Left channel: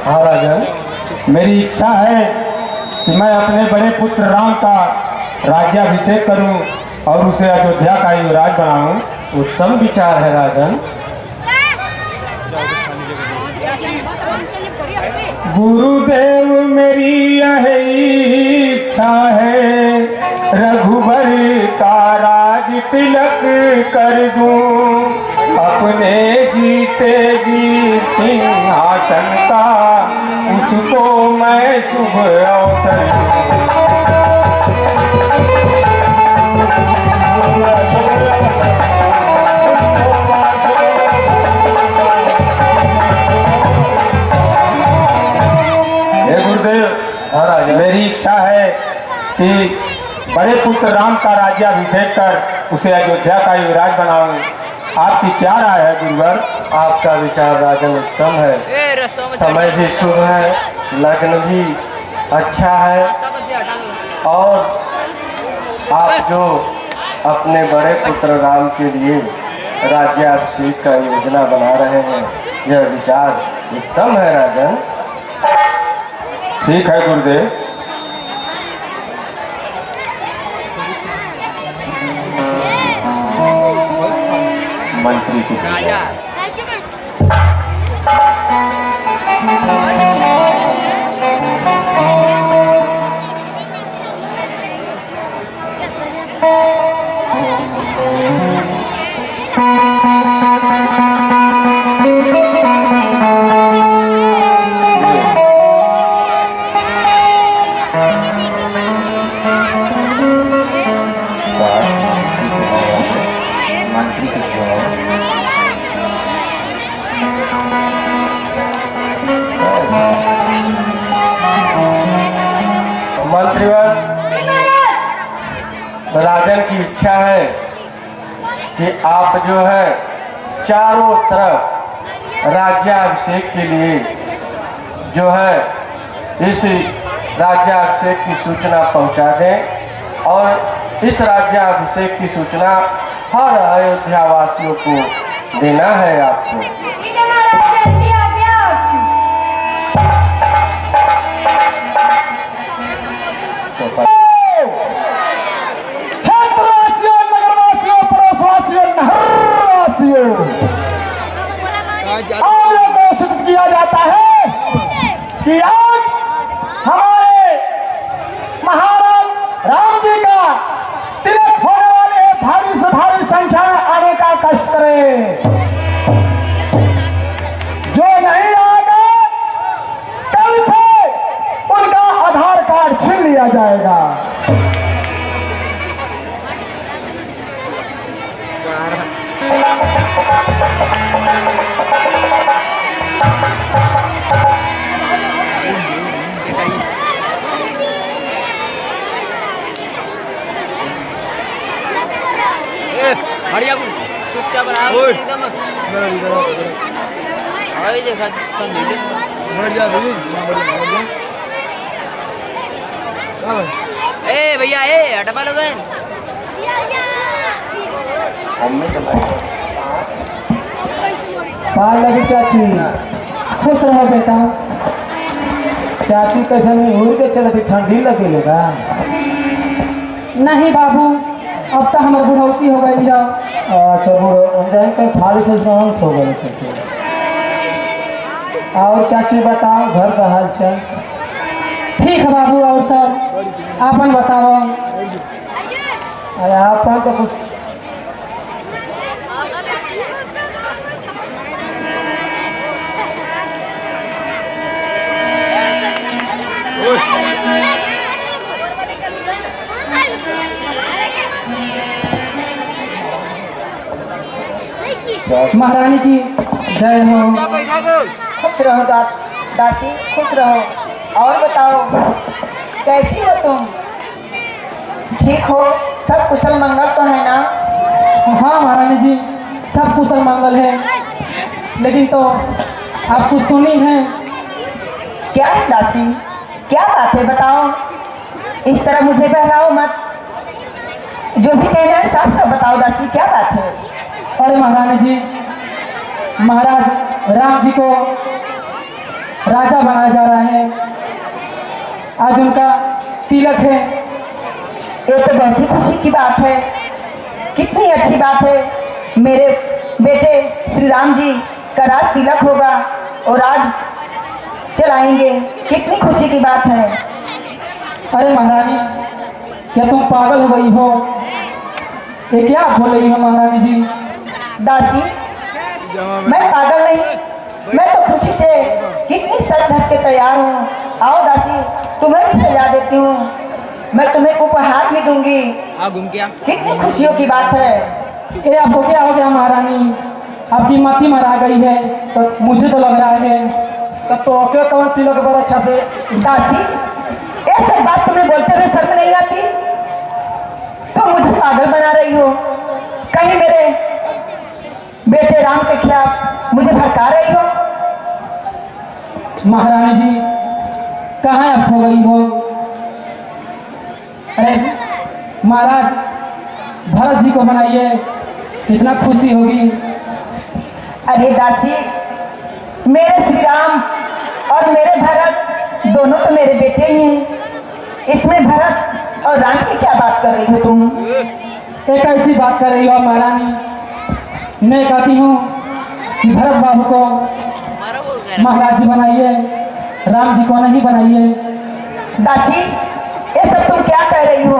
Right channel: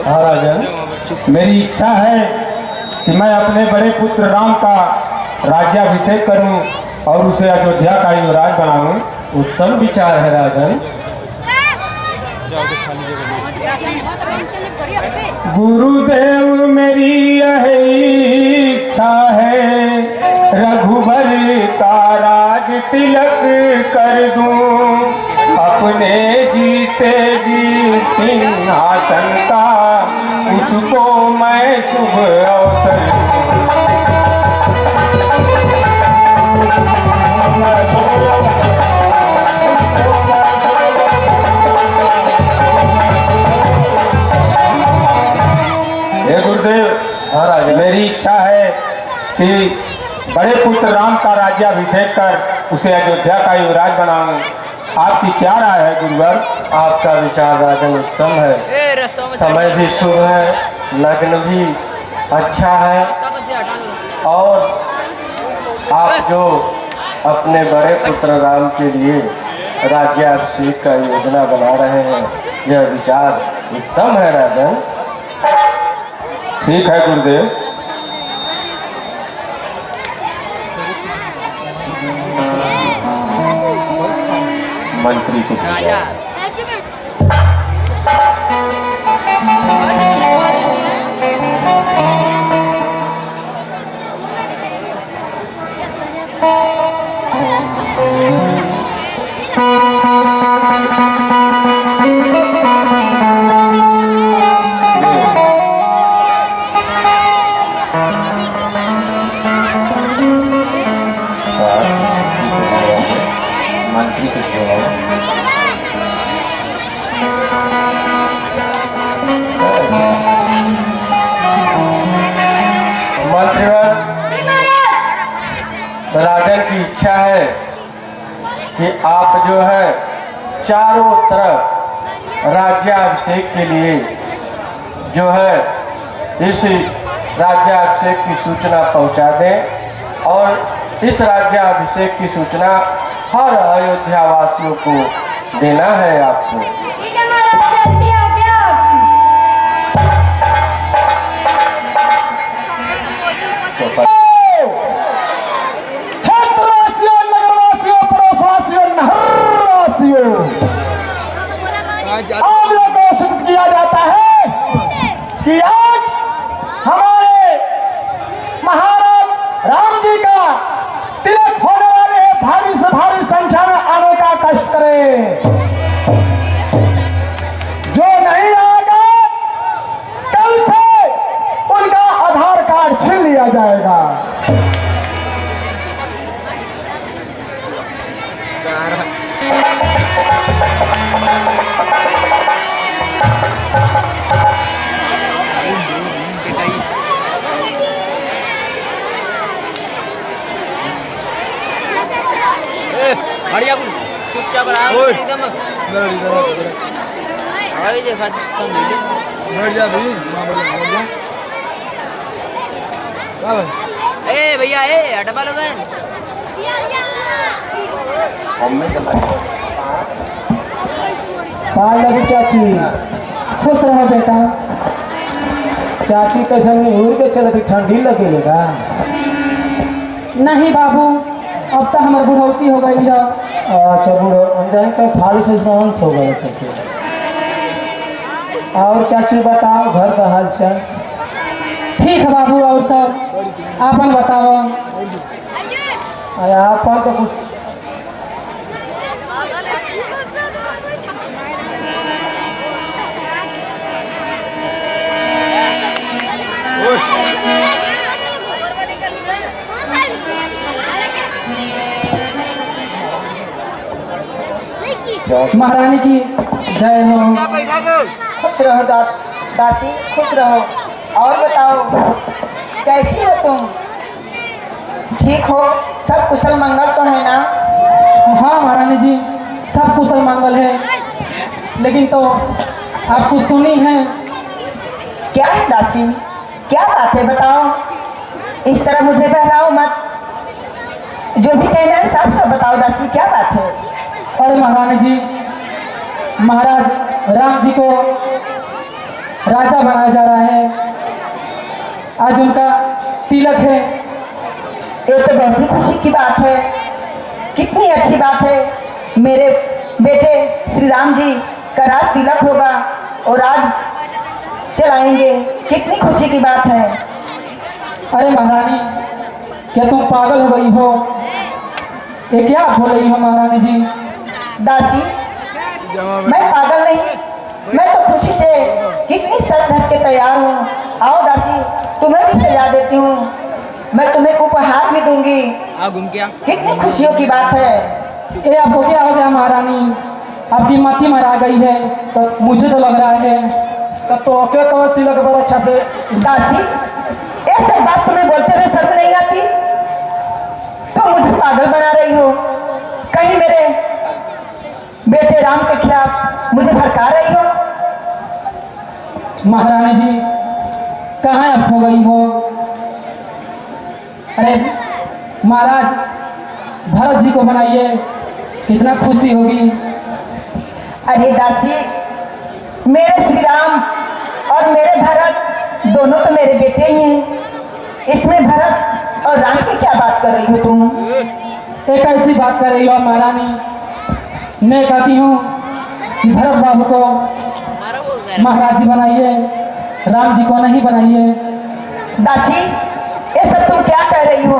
महाराज, मेरी इच्छा है कि मैं अपने बड़े पुत्र राम का राज्याभिषेक करूं और उसे अयोध्या का युवराज बनाऊं। उत्तम विचार है राजन। गुरुदेव मेरी यह इच्छा है, रघुबर का राज तिलक कर दूं, अपने जीते जी सिंहासन का उसको मैं शुभ अवसर मेरी इच्छा है कि बड़े पुत्र राम का राज्याभिषेक कर उसे अयोध्या का युवराज बनाऊं। आपकी क्या राय है गुरुवर? आपका विचार राजन उत्तम है। समय भी शुभ है, लग्न भी अच्छा है और आप जो अपने बड़े पुत्र राम के लिए राज्याभिषेक का योजना बना रहे हैं, यह विचार उत्तम है राजन। ठीक है गुरुदेव। मंत्री के राजा राजन की इच्छा है कि आप जो है चारों तरफ राज्याभिषेक के लिए जो है इस राज्याभिषेक की सूचना पहुंचा दें और इस राज्याभिषेक की सूचना हर अयोध्या वासियों को देना है आपको। आज यह घोषित किया जाता है कि आज हमारे महाराज राम जी का तिलक होने वाले भारी से भारी संख्या में आने का कष्ट करें। जो नहीं आएगा कल से उनका आधार कार्ड छीन लिया जाएगा। हरिया कुल चुपचाप रहा एकदम अभी देखा सब मिले बढ़ जा भाई मां बढ़ जा क्या भाई ए भैया ए हटपा लोग लगी चाची खुश रहो बेटा। चाची कैसे नहीं उड़ के चलती ठंडी लगेगा? नहीं बाबू, अब तो हमारे बुढ़ौती हो गई है। अच्छा बुढ़ो फाड़ी से सहंस हो गए थे। और चाची बताओ घर का हाल चाल? ठीक है बाबू। और सर आपन बताओ? अरे आपन तो कुछ महारानी की जय हो। खुश रहो दासी, खुश रहो। और बताओ कैसी हो तुम? ठीक हो? सब कुशल मंगल तो है ना? हाँ महारानी जी, सब कुशल मंगल है। लेकिन तो आप कुछ सुनी है? क्या है दासी, क्या बात है बताओ। इस तरह मुझे बहलाओ मत, जो भी कहना है सब बताओ दासी, क्या बात है? अरे महारानी जी, महाराज राम जी को राजा बनाया जा रहा है। आज उनका तिलक है। ये तो बहुत ही खुशी की बात है, कितनी अच्छी बात है। मेरे बेटे श्री राम जी का राज तिलक होगा और आज चलाएंगे, कितनी खुशी की बात है। अरे महारानी, क्या तुम पागल हो गई हो? ये क्या बोल रही हो महारानी जी? दासी, मैं पागल नहीं, मैं तो खुशी से कितनी सर ढक के तैयार हूँ। आओ दासी, तुम्हें भी सजा देती हूँ, मैं तुम्हें उपहार भी दूंगी। आ घूम क्या कितनी खुशियों की बात है। ये आपको क्या हो गया महारानी? आपकी माथी मरा गई है तो मुझे तो लग रहा है तो क्या कौन तिलक बड़ा अच्छा से। दासी, ऐसे बात तुम्हें बोलते हुए शर्म नहीं आती? तुम मुझे पागल बना रही हो, कहीं मेरे बेटे राम के खिलाफ मुझे भड़का रही हो। महारानी जी, कहाँ आप हो गई हो? अरे महाराज, भरत जी को बनाइए, कितना खुशी होगी। अरे दासी, मेरे श्री राम और मेरे भरत दोनों तो मेरे बेटे ही हैं। इसमें भरत और राम की क्या बात कर रही हो तुम? एक ऐसी बात कर रही हो महारानी। मैं कहती हूँ कि भरत बाबू को मारा बोल रहा है महाराज जी बनाइए, राम जी को नहीं बनाइए। दासी, ये सब तुम क्या कह रही हो?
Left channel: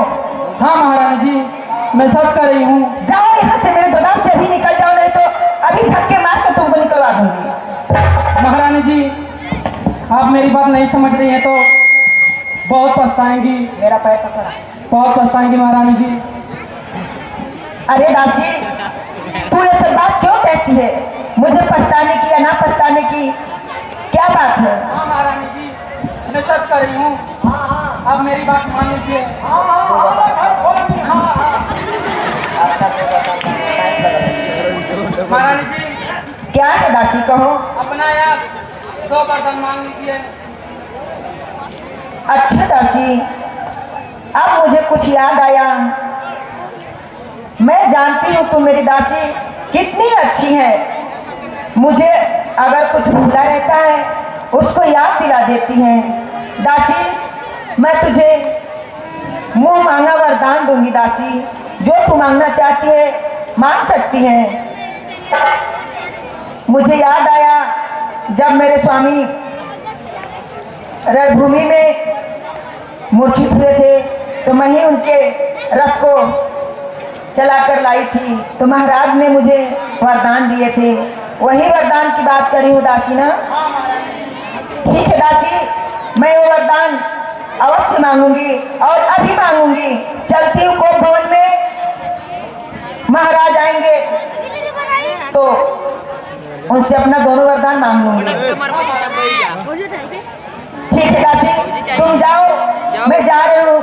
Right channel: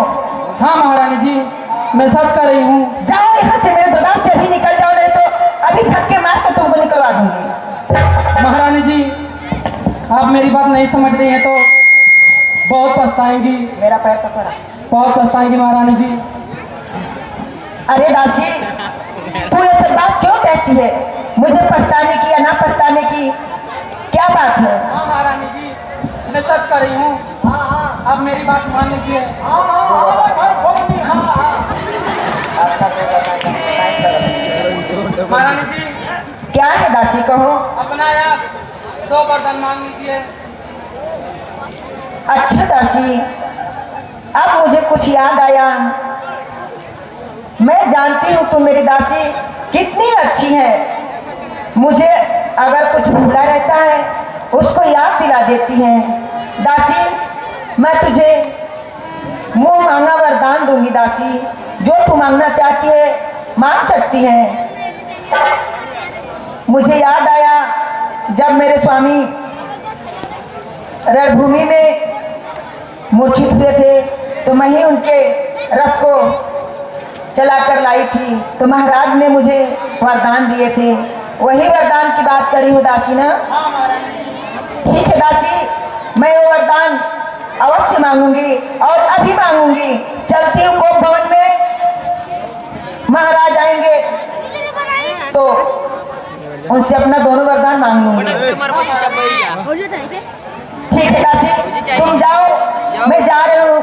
हाँ महारानी जी, मैं सच कर रही हूँ। जाओ यहाँ से, मेरे गोदाम से अभी निकल जाओ, नहीं तो अभी धक्के मार कर तुमको निकलवा दूंगी। महारानी जी, आप मेरी बात नहीं समझ रही हैं तो बहुत पछताएंगी, मेरा पैसा करा। बहुत पछताएंगी महारानी जी। अरे दासी, तू ये सब बात क्यों कहती है? मुझे पछताने की या ना पछताने की क्या बात है? हाँ महारानी जी, मैं सच कर रही हूँ, आप मेरी बात मान लीजिए। महारानी जी, क्या है दासी, कहो। अपना यार 2 बर्तन मांग लीजिए। अच्छा दासी, अब मुझे कुछ याद आया। मैं जानती हूँ तुम मेरी दासी कितनी अच्छी है। मुझे अगर कुछ भूला रहता है उसको याद दिला देती है। दासी, मैं तुझे मुंह मांगा वरदान दूंगी। दासी, जो तू मांगना चाहती है मांग सकती है। मुझे याद आया, जब मेरे स्वामी रणभूमि में मूर्छित हुए थे तो मैं ही उनके रथ को चलाकर लाई थी, तो महाराज ने मुझे वरदान दिए थे। वही वरदान की बात करी हूँ दासी ना? ठीक है दासी, मैं वो वरदान अवश्य मांगूंगी और अभी मांगूंगी। चलती हूँ कोप भवन में, महाराज आएंगे तो उनसे अपना दोनों वरदान मांग लूंगी। तुम्हारे को चुपचाप बैठ जा ठीक है दासी, तुम जाओ, मैं जा रही हूँ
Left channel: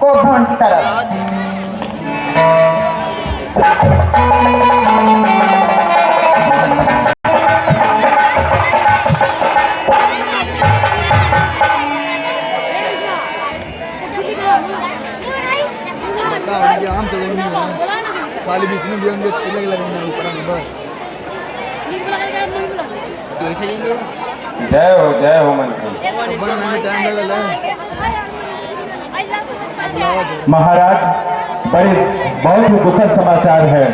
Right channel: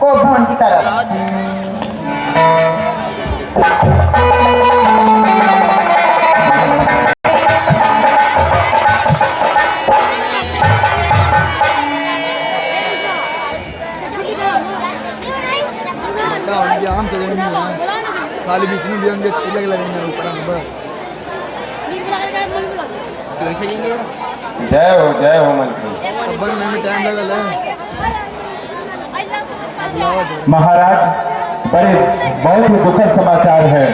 कोप भवन की तरफ। बता उनके आम तो नहीं है, खाली विष्णु भी उनके तिलक लगेंगे ऊपर में बस। वैसे ही ले जय हो मंत्री। अब बनने में टाइम लगल है। बुलावा दे। महाराज, बड़े बहुत ही दुखद समाचार है।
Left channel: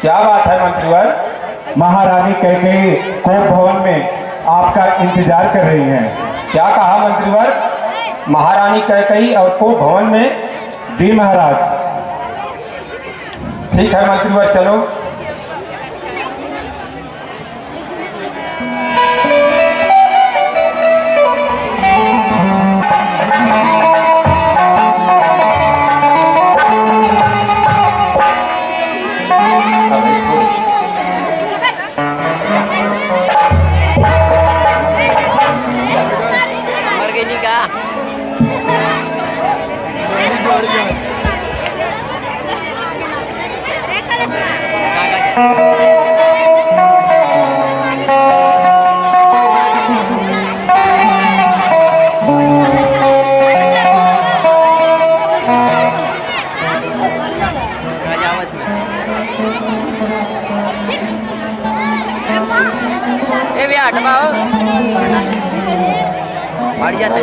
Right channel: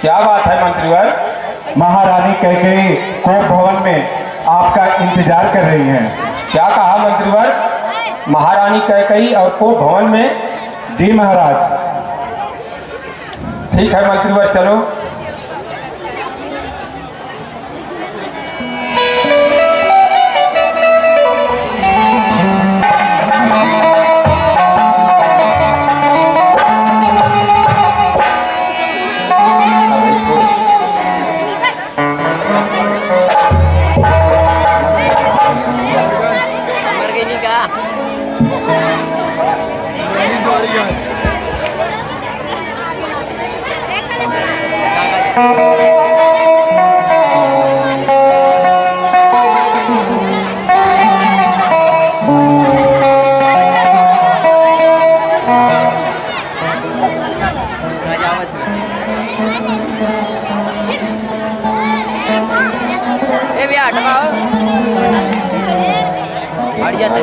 क्या बात है मंत्रीवर? महारानी कैकेयी कोप भवन में आपका इंतजार कर रही हैं। क्या कहा मंत्रीवर? महारानी कैकेयी और कोप भवन में? जी महाराज। ठीक है मंत्रीवर, चलो। मर गई नहीं का गाड़ी दौड़ गया। राजावत में ए भैया हटवाओ हट जाता है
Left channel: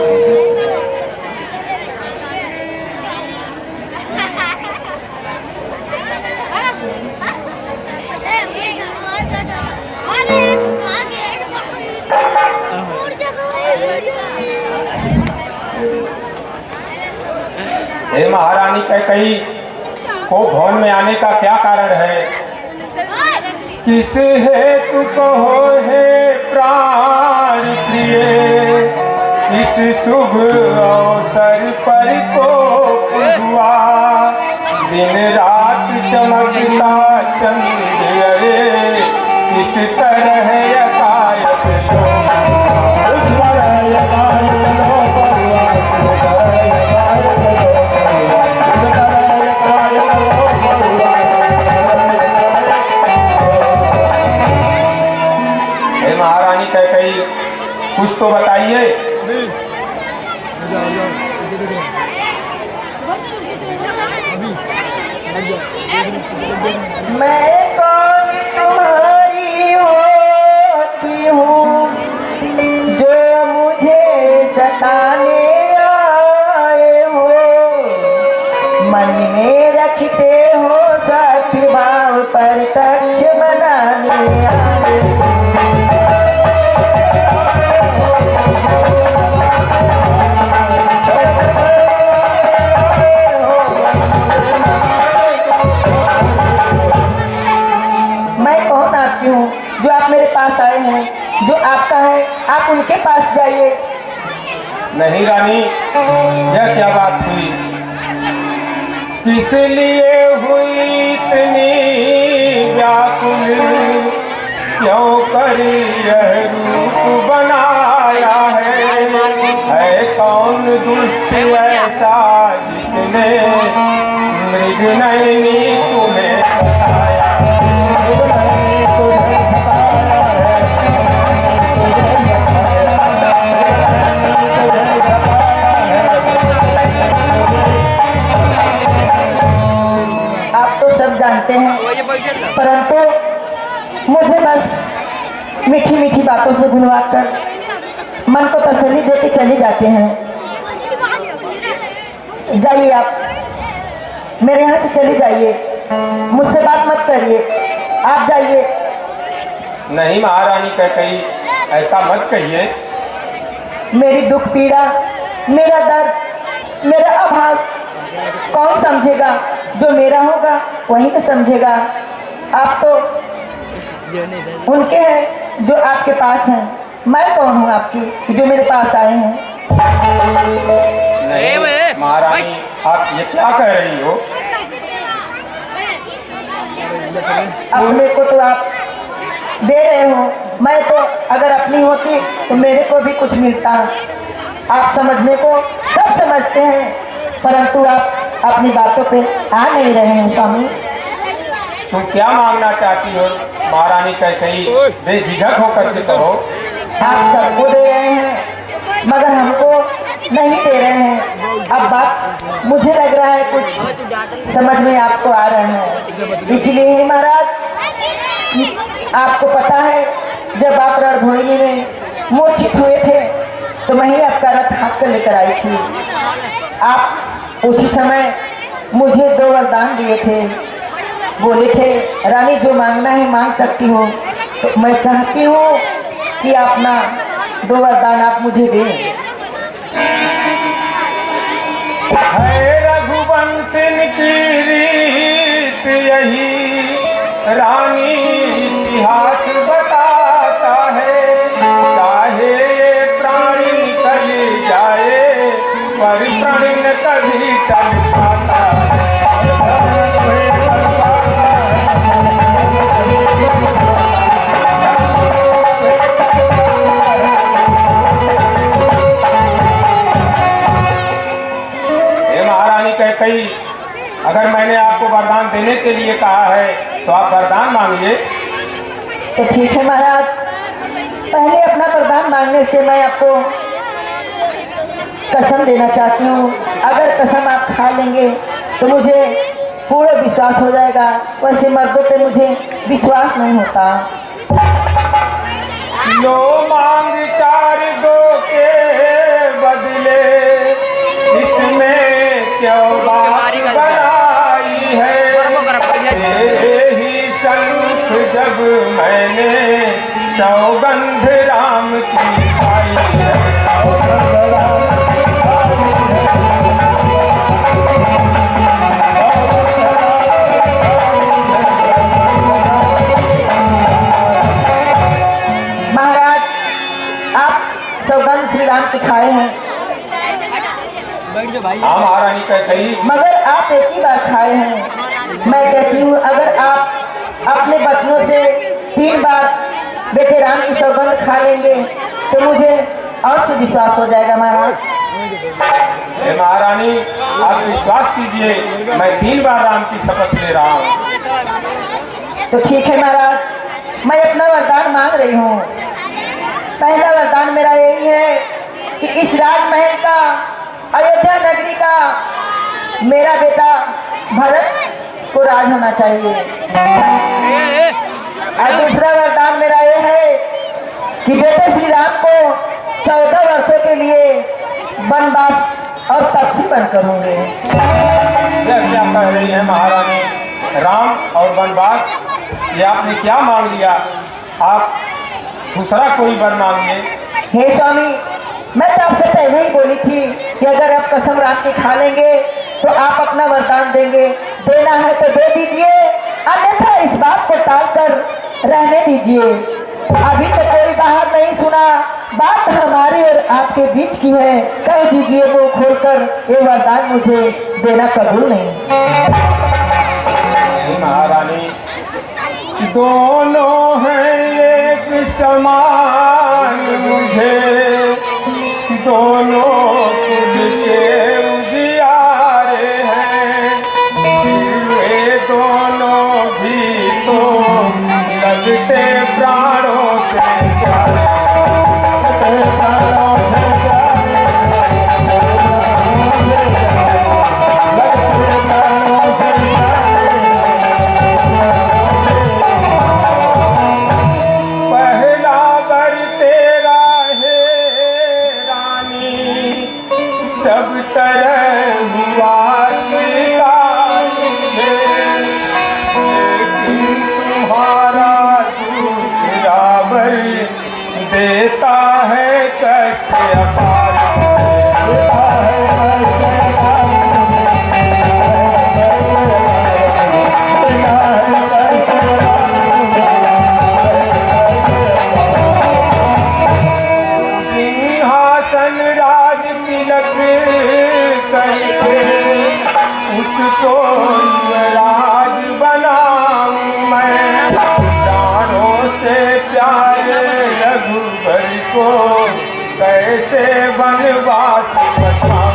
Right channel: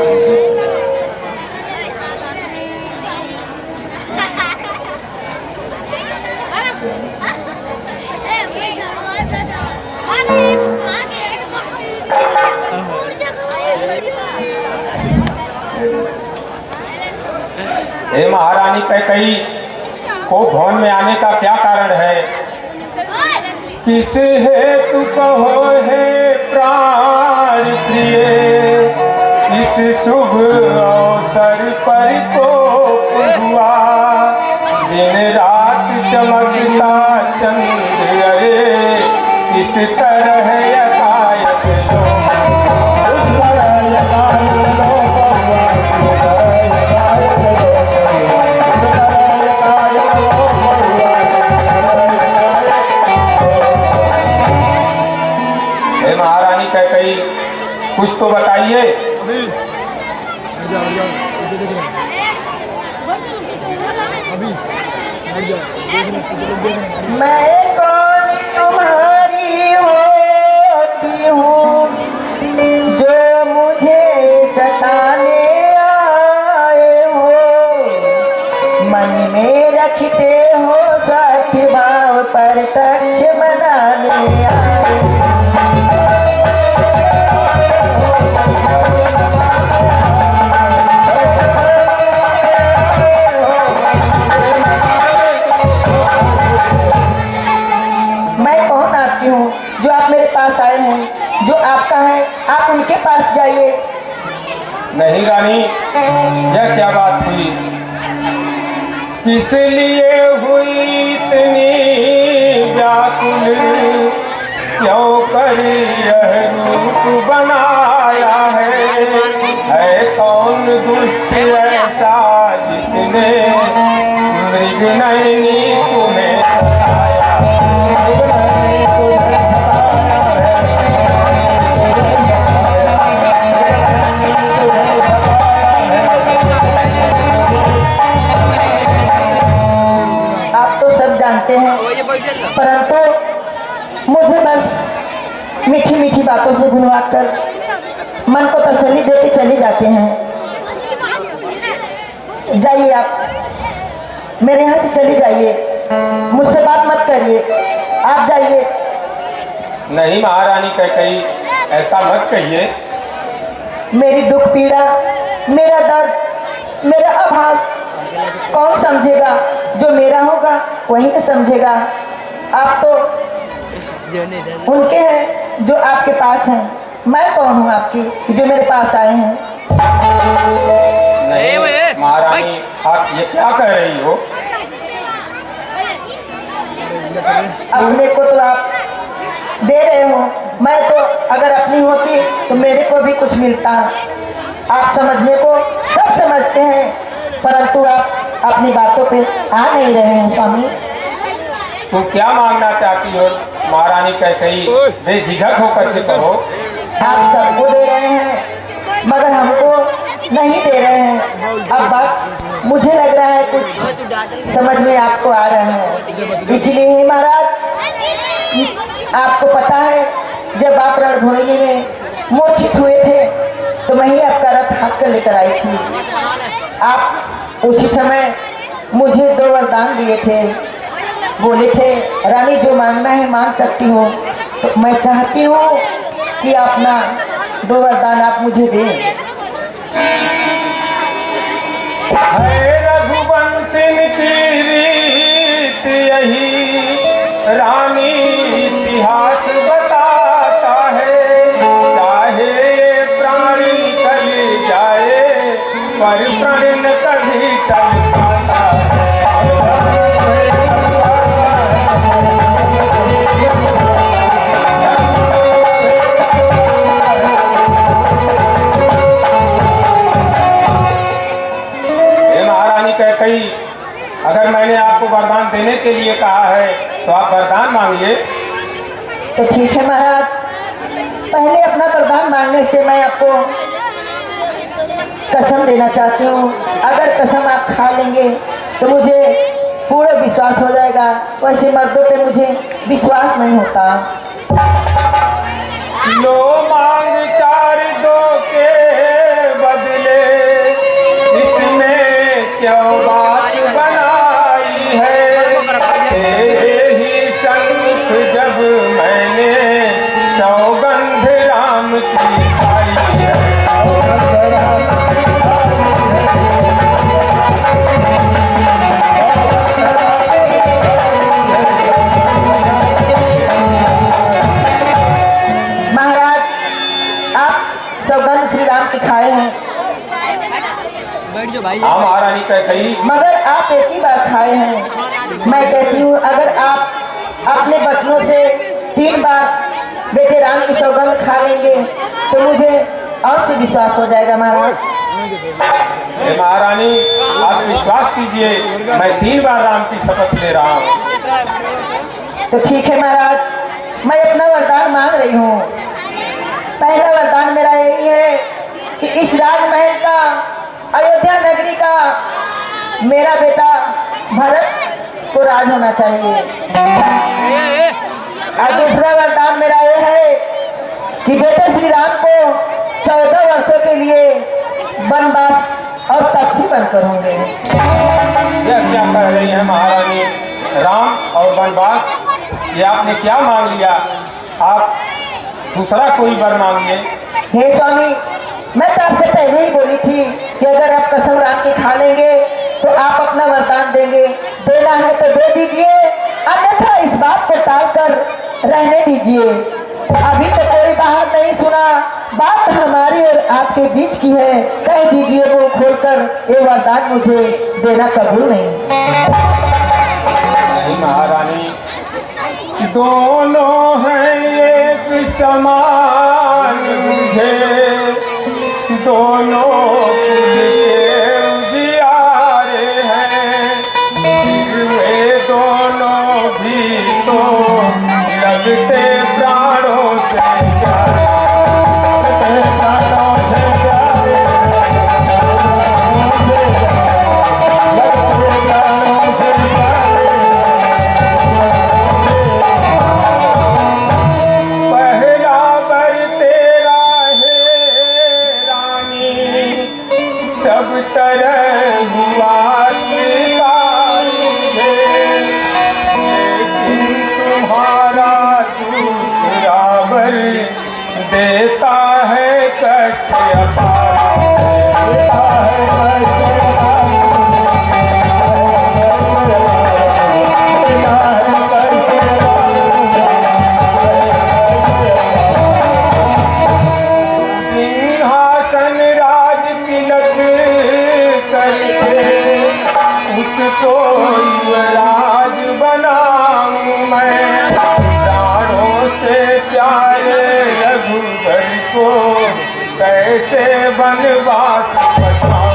हे महारानी कैकई को भवन में आने का क्या कारण है? किस हेतु कहो हे प्राण प्रिय, इस शुभ अवसर पर को हुआ, दिन रात चमकता चंद्र अरे, किस तरह यकायत कुछ तो बताइए। अभी हट जाओ ये देख रहे अभी हट जाओ मैं कौन तुम्हारी होती हूँ जो मुझे सताने आए हो, मन में रखते हो साथी भाव पर कक्ष बनाने आए हो। जो आप मेरे पास आए हैं, जो आपका है आप उनके पास जाइए। नहीं रानी, यह क्या बात हुई? किस लिए हुई इतनी व्याकुल, क्यों कर यह रूप बनाया है कौन दुष्ट ऐसा जिसने मृगनयनी तुम्हें जानते हैं, परंतु मुझे बस मीठी मीठी बातों से भुलवाकर मन को तसल्ली देके चले जाते हैं। जाइए आप मेरे यहाँ से चले जाइए, मुझसे बात मत करिए, आप जाइए। नहीं महारानी कैकई, ऐसा मत कहिए। मेरी दुख पीड़ा, मेरा दर्द, मेरा आभास कौन समझेगा? जो मेरा होगा वही तो समझेगा। आप तो उनके हैं जो आपके पास हैं, मैं कौन हूँ आपकी जो मेरे पास आए हैं? नहीं महारानी, आप ये क्या कह रही हो? अपने को तो आप दे रहे हो, मैं तो अगर अपनी होती तो मेरे को भी कुछ मिलता। आप समझने को सब समझते हैं, परंतु आप अपनी बातों पे आ नहीं रहे हैं स्वामी। तुम क्या मांगना चाहती हो महारानी कैकई? बेझिझक होकर के कहो। आप सबको दे रहे हैं मगर हमको नहीं दे रहे हैं। अब बात मुझे लग रहा है कुछ समझ में आपको आ रहा है, इसलिए महाराज आपको पता है जब आप रणभूमि में मूर्छित हुए थे तो मैं ही आपका रथ हाथ कर लेकर आई थी। आप उसी समय मुझे 2 वरदान दिए थे, बोले थे रानी जो मांगना है मांग सकती हो। तो मैं चाहती हूँ कि अपना 2 वरदान आप मुझे दें। रघुवंश की रीत यही रानी इतिहास बताता है, चाहे प्राण निकल जाए पर प्रण न कभी टल पाता है। महारानी कैकई, अगर मैंने आपको वरदान देने के लिए कहा है तो आप वरदान मांगिए। तो ठीक है महाराज, पहले अपना वरदान मांगने से मैं आपको कसम देना चाहती हूँ। अगर कसम आप खा लेंगे तो मुझे पूरा विश्वास हो जाएगा, वैसे मर्दों पे मुझे विश्वास नहीं होता। लो मांग 4 दो के बदले, इसमें क्यों बात बनाई है। तेरे ही सन्मुख जब मैंने सौगंध राम की खाई है। सौगंध श्री राम की खाए हैं, बैठ जाओ भाई। हाँ महारानी कही, मगर आप एक ही बार खाए हैं। मैं कहती हूँ अगर आप अपने बचनों से 3 बार बेटे राम की सौगंध खा लेंगे तो मुझे और से विश्वास हो जाएगा महाराज। अरे महारानी आप विश्वास कीजिए, मैं 3 बार राम की शपथ ले रहा हूँ। तो ठीक है महाराज, मैं अपना वरदान मांग रही हूँ। पहला वरदान मेरा यही है कि इस राजमहल का, अयोध्या नगरी का मेरा बेटा भरत को राज होना चाहिए। और दूसरा वरदान मेरा ये है कि बेटे श्री राम को 14 वर्षों के लिए वनवास और पक्षी बनकर होंगे। यह क्या कह रही है महारानी? राम और वनवास, ये आपने क्या मांग लिया? आप दूसरा कोई वर मांगिए। हे स्वामी, मैं तो आपसे पहले ही बोली थी कि अगर आप कसम राम की खा लेंगे तो आप अपना वरदान देंगे। देना है तो दे दीजिए, अन्यथा इस बात को टालकर रहने दीजिए। अभी तो कोई बाहर नहीं सुना, बात हमारी और आपके बीच की है। कह दीजिए वो खोलकर, ये वरदान मुझे देना कबूल नहीं। महारानी दोनों हैं एक समान मुझे, दोनों खुद के उजियारे हैं। ये दोनों भी तो लगते प्राणों से प्यारे, प्राणों से प्यारे, प्राणों से प्यारे। सब तरह हुआ स्वीकार मुझे, लेकिन तुम्हारा दूसरा वर देता है कष्ट अपार, देता है कष्ट अपार, देता है कष्ट अपार। सिंहासन राज तिलक उसको राज बनाऊं मैं, प्राणों से प्यारे रघुवर को कैसे वनवास बचाऊं।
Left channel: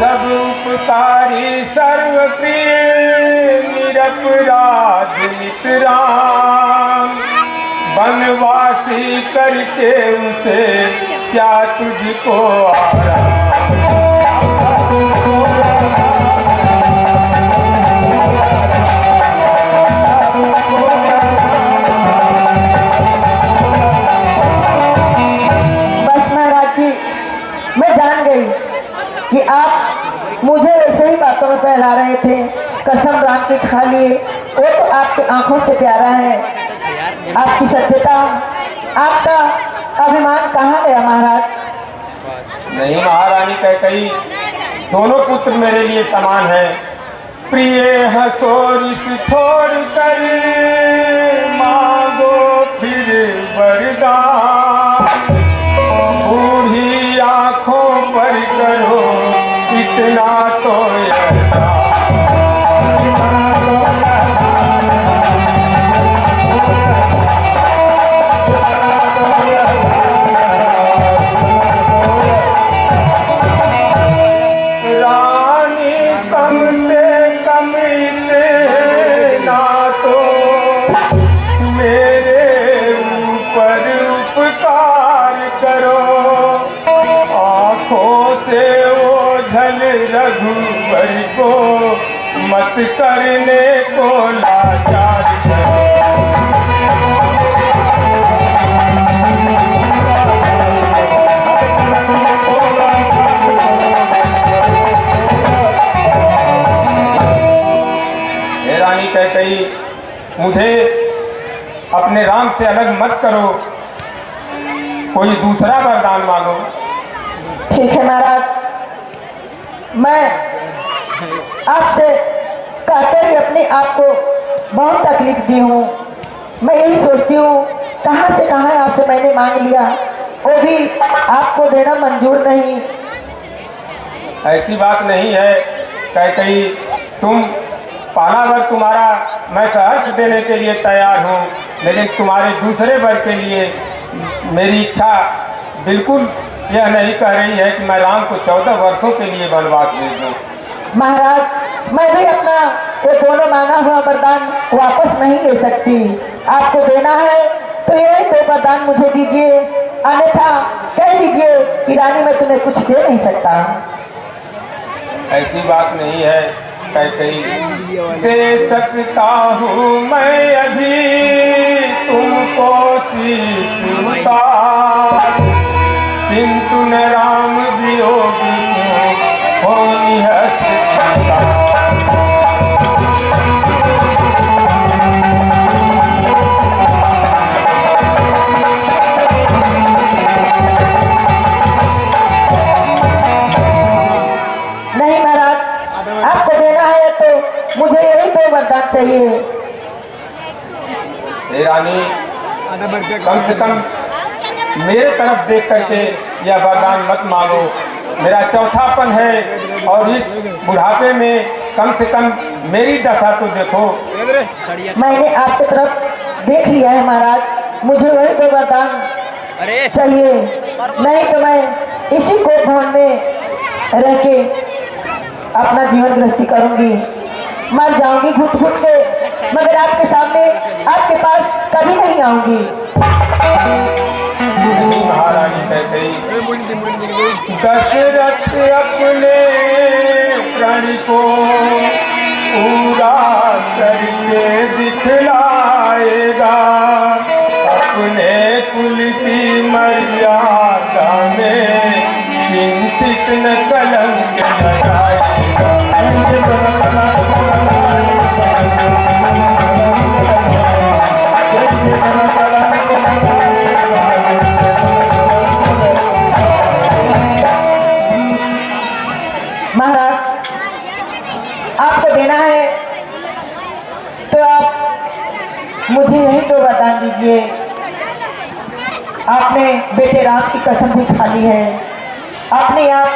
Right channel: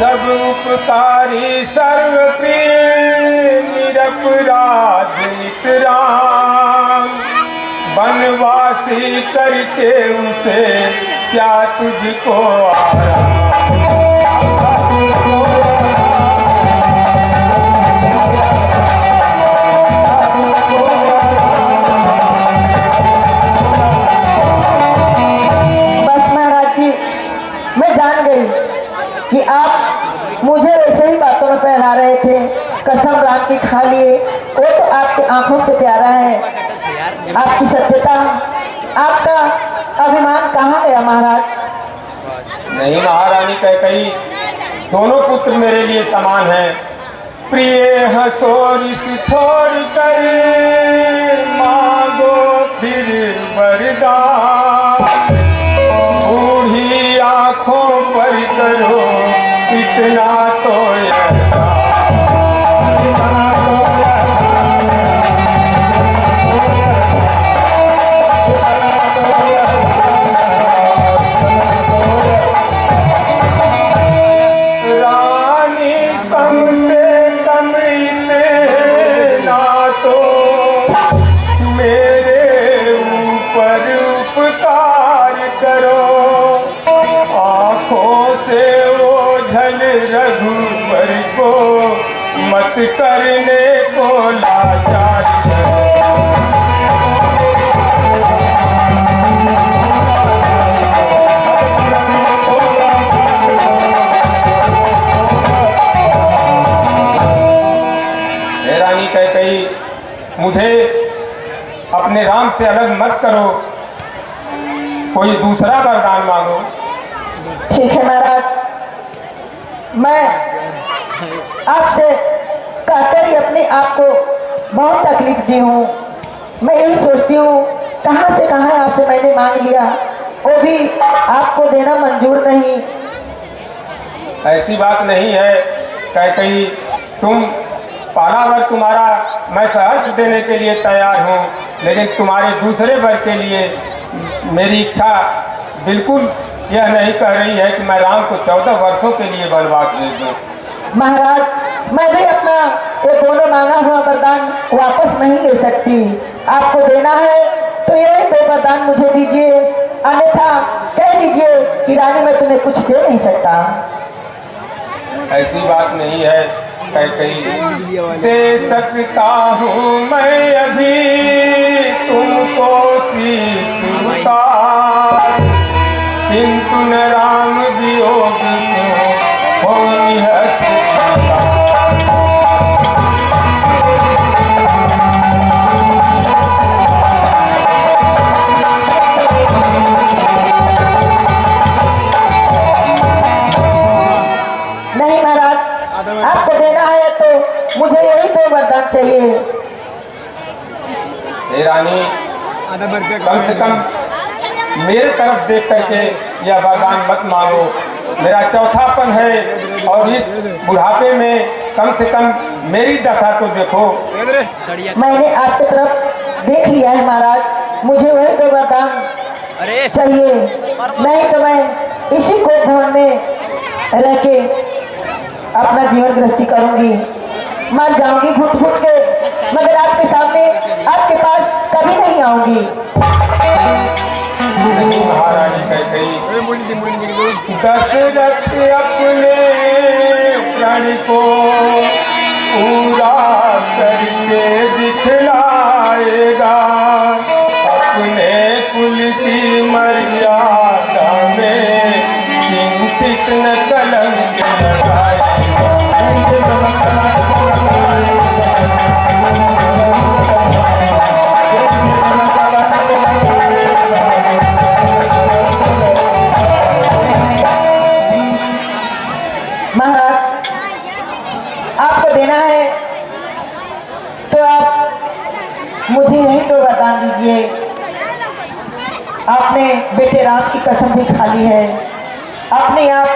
सब उपकारी सर्वप्रिय निरपराध नित राम, वनवासी करके उसे क्या तुझको आराम। बस महाराज जी, मैं जान गई कि आप मुझे ऐसे ही बातों में फैला रहे थे। कसम राम की खा लिए, वो तो आपकी आंखों से प्यारा है। आपकी सत्यता, आपका अभिमान कहाँ गया महाराज? नहीं महारानी कही, दोनों पुत्र मेरे लिए समान हैं। प्रिय हसोरिस छोड़ कर मांगो फिर वरदान, बूढ़ी आंखों पर करो इतना तो मेरे ऊपर उपकार करो। रघुवर को मत करने को लाचार हे रानी कैकेयी, मुझे अपने राम से अलग मत करो, कोई दूसरा वरदान मांगो। ठीक है महाराज, मैं आपसे कहकर ही अपने आप को बहुत तकलीफ दी हूँ। मैं यही सोचती हूँ कहाँ से कहाँ आपसे मैंने मांग लिया, वो भी आपको देना मंजूर नहीं। ऐसी बात नहीं है कैकेयी, तुम पहला वर तुम्हारा मैं सहर्ष देने के लिए तैयार हूँ, लेकिन तुम्हारे दूसरे वर के लिए मेरी इच्छा बिल्कुल यह नहीं कह रही है कि मैं राम को 14 वर्षों के लिए वनवास भेज दूँ। महाराज, मैं भी अपना ये दोनों मांगा हुआ वरदान वापस नहीं ले सकती। आपको देना है तो ये 2 वरदान मुझे दीजिए, अन्यथा कह दीजिए कि रानी मैं तुम्हें कुछ दे नहीं सकता। ऐसी बात नहीं है कैकेयी, दे सकता हूँ मैं अभी तुमको शीश का, किंतु न राम वियोग क्यों होनी है चिंता। नहीं महाराज, आपको देना है तो मुझे यही 2 वरदान चाहिए। हे रानी, आधा भर के कम से कम मेरे तरफ देख करके यह वरदान मत मांगो। मेरा चौथापन है और इस बुढ़ापे में कम से कम मेरी दशा तो देखो। मैंने आपकी तरफ देख लिया है महाराज, मुझे वही 2 वरदान चाहिए, नहीं तो मैं इसी कोट भवन में रह के अपना जीवन गृहस्थी करूंगी, मर जाऊंगी घुट घुट के, मगर आपके सामने आपके पास कभी नहीं आऊंगी। महारानी कैकेयी, मुड़ी थी दशरथ अपने क्षण को पूरा करके दिखलाएगा, अपने कुल की मर्यादा में किंचित न कलंक लगाएगा। महाराज, आपको देना है तो आप मुझे यही 2 वरदान दीजिए। आपने बेटे राम की कसम भी खा ली है, अपने आप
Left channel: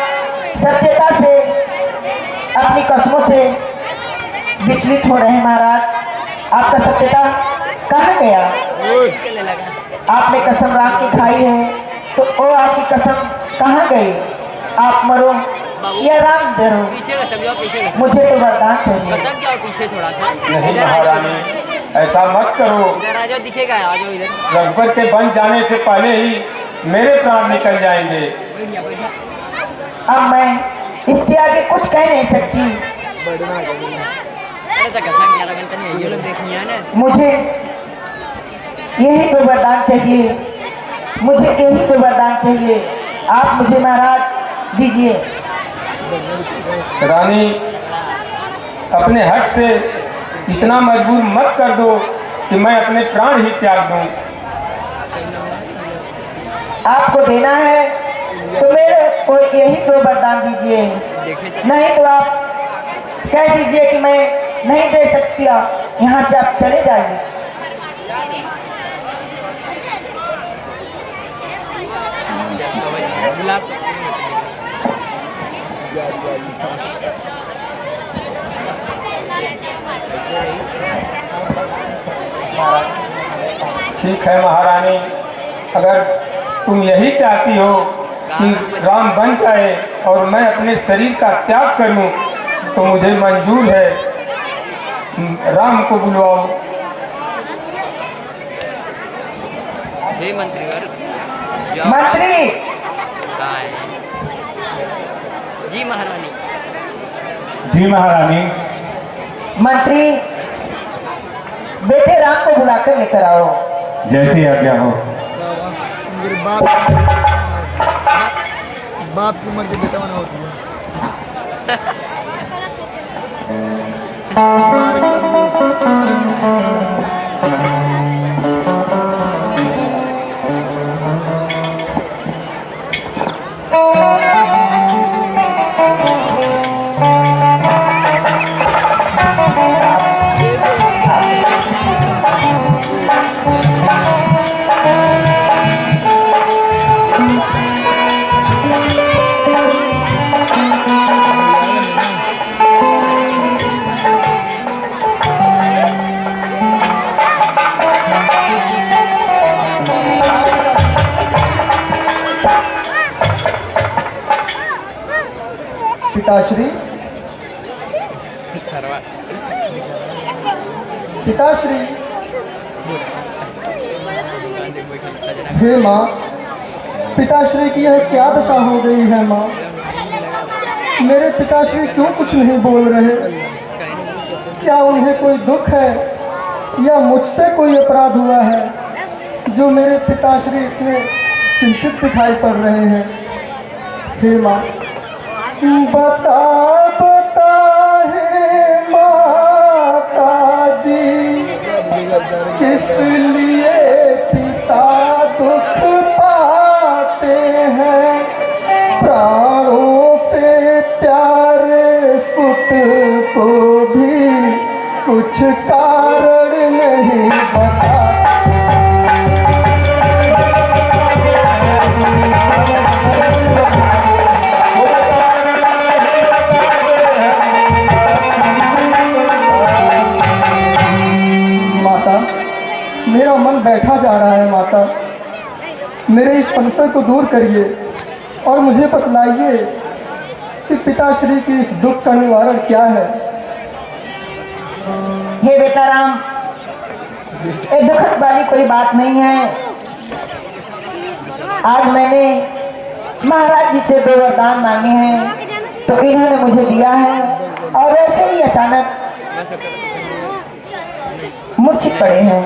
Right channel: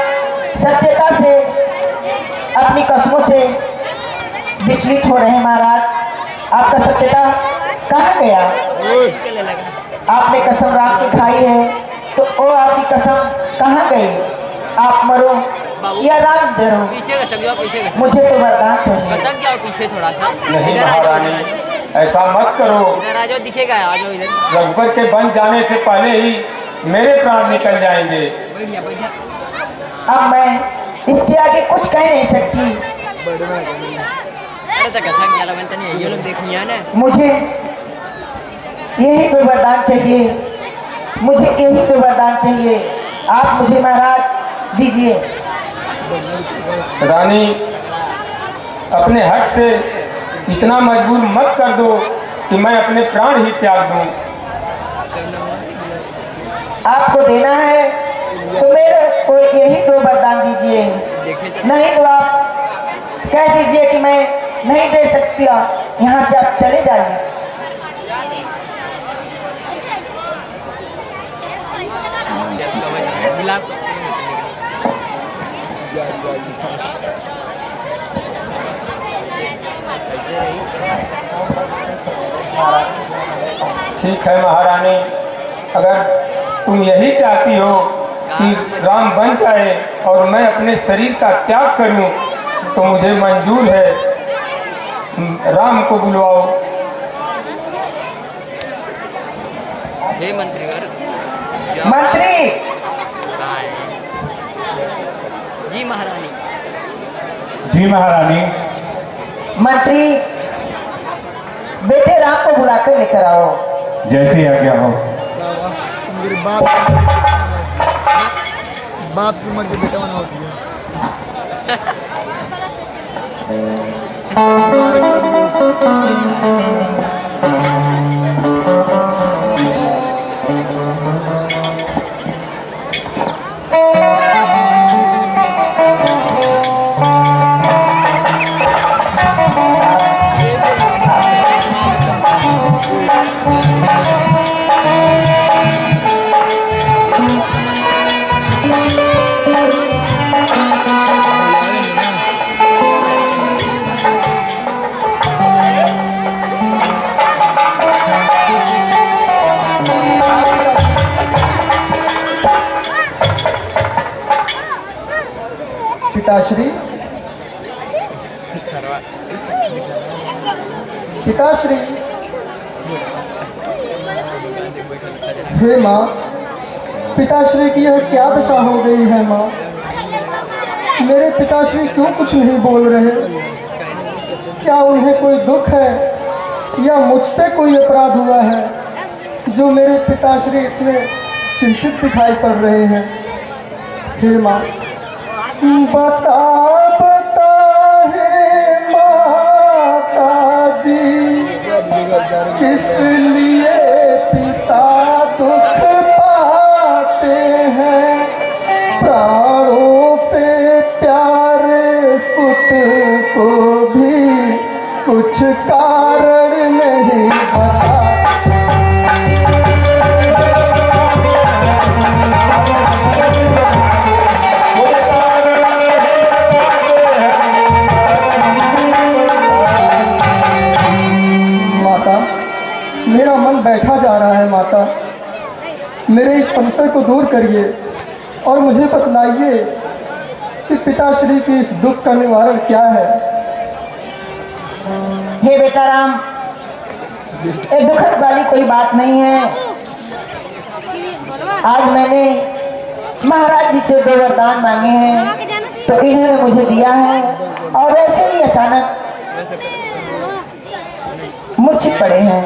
सत्यता से अपनी कसमों से विचलित हो रहे हैं महाराज। आपका सत्यता कहाँ गया? आपने कसम राम की खाई है तो वो आपकी कसम कहाँ गई? आप मरो या राम डरो, पीछे का सक जाओ, पीछे का मुझे तो वरदान चाहिए। सक जाओ पीछे थोड़ा सा। नहीं इधर आ जाओ, इधर आ महारानी, जाओ, ऐसा मत करो। इधर आ जाओ, दिखेगा, आ जाओ इधर। रघुवर के बन जाने से पहले ही मेरे प्राण निकल जाएंगे। बढ़िया बढ़िया। अब मैं इसके आगे कुछ कह नहीं सकती। अरे तो कसक क्या लगता नहीं है, ये लोग देखनी है ना। मुझे यही 2 वरदान चाहिए, मुझे यही 2 वरदान चाहिए। आप मुझे महाराज दीजिए। रानी, अपने हक से इतना मजबूर मत कर दो कि मैं अपने प्राण ही त्याग दूं। आपको देना है तो मेरे को यही 2 वरदान दीजिए, देखे तो नहीं तो आप कह दीजिए कि मैं नहीं दे सकती, यहाँ से आप चले जाइए। गुलाब ठीक है महारानी, अगर तुम यही चाहती हो कि राम बन जाए और मैं अपने शरीर का त्याग करूं तो मुझे मंजूर है। राम को बुलवाओ। हे मंत्रीवर मंत्री, जी महारानी। जी महारानी। मंत्री बेटे राम को बुलाकर लेकर आओ। जैसी आज्ञा हो। उनके बाप की उम्र के बेटा बना होती है। पिताश्री, पिताश्री, हे माँ, पिताश्री की यह क्या दशा हो गई है माँ? मेरे पिताश्री क्यों कुछ नहीं बोल रहे? क्या उन्हें कोई दुख है या मुझसे कोई अपराध हुआ है जो मेरे पिताश्री इतने चिंतित दिखाई पड़ रहे हैं? हे माँ, बता बता है माता जी, किस लिए पिता दुख पाते हैं? प्राणों से प्यारे सुत को भी कुछ कारण नहीं पता। मेरा मन बैठा जा रहा है माता, मेरे इस संशय को दूर करिए और मुझे बतलाइए कि पिताश्री की इस दुख का निवारण क्या है। हे बेटा राम, ये दुखद वाली कोई बात नहीं है। आज मैंने महाराज जी से 2 वरदान मांगे हैं तो इन्होंने मुझे दिया है और वैसे ही अचानक मूर्छित पड़े हैं।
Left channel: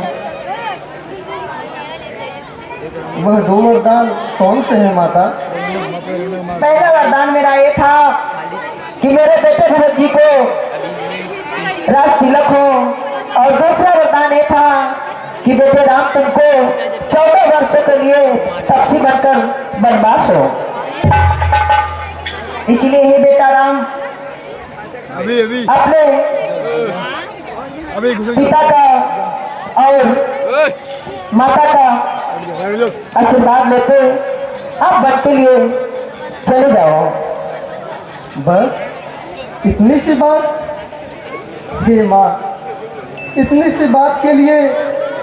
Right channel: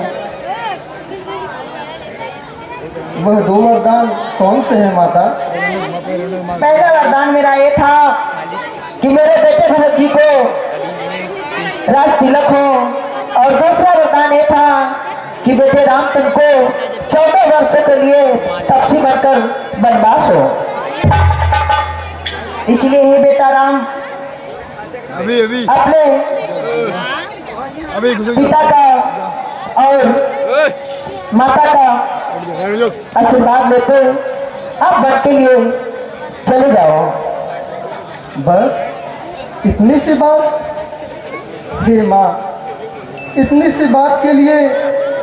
वह 2 वरदान कौन से हैं माता? पहला वरदान मेरा ये था कि मेरे बेटे भरत जी को राज तिलक हो, और दूसरा वरदान ये था कि बेटे रामचंद्र को 14 वर्षों के लिए पक्षी बनकर वनवास हो। इसलिए हे बेटा राम, अभी अपने पिता का और माता का आशीर्वाद लेते आप वन के लिए चले जाओ। बस इतनी सी बात? हे माँ, इतनी सी बात के लिए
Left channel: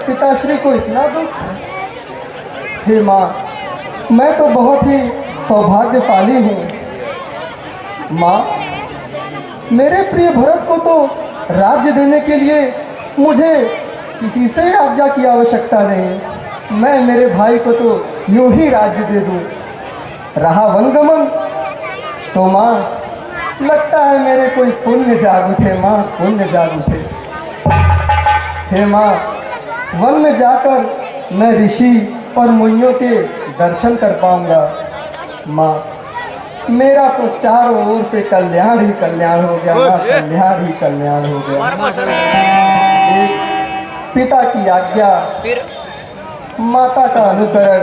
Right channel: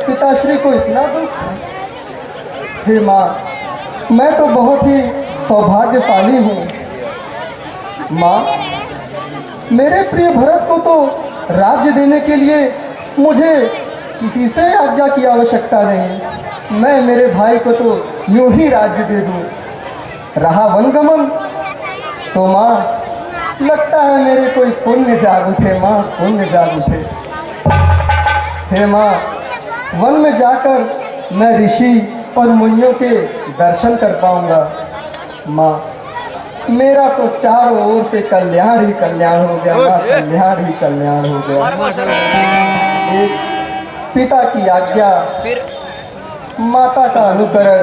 पिताश्री को इतना दुख? हे माँ, मैं तो बहुत ही सौभाग्यशाली हूँ। माँ, मेरे प्रिय भरत को तो राज्य देने के लिए मुझे किसी से आज्ञा की आवश्यकता नहीं। मैं मेरे भाई को तो यूं ही राज्य दे दूँ। रहा वनगमन तो माँ, लगता है मेरे कोई पुण्य जाग उठे माँ, पुण्य जाग उठे। हे माँ, वन में जाकर मैं ऋषि और मुनियों के दर्शन कर पाऊंगा। माँ, मेरा तो चारों ओर से कल्याण ही कल्याण हो गया माँ, कल्याण ही कल्याण हो गया। एक पिता की आज्ञा, माता का अनुकरण,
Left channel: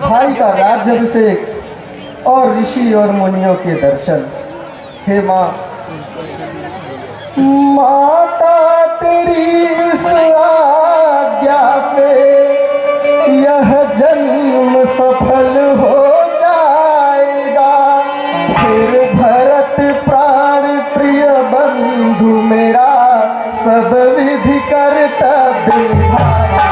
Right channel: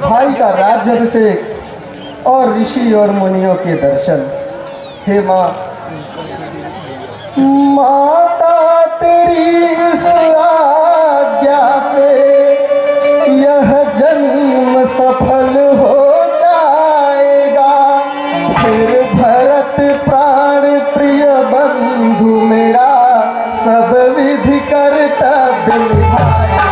भाई का राज्याभिषेक और ऋषि और मुनियों के दर्शन। हे माँ, माता तेरी इस आज्ञा से यह जन्म सफल हो जाएगा। फिर भरत प्राण प्रिय बंधु मेरा सब विधि कर्तव्य निभाएगा।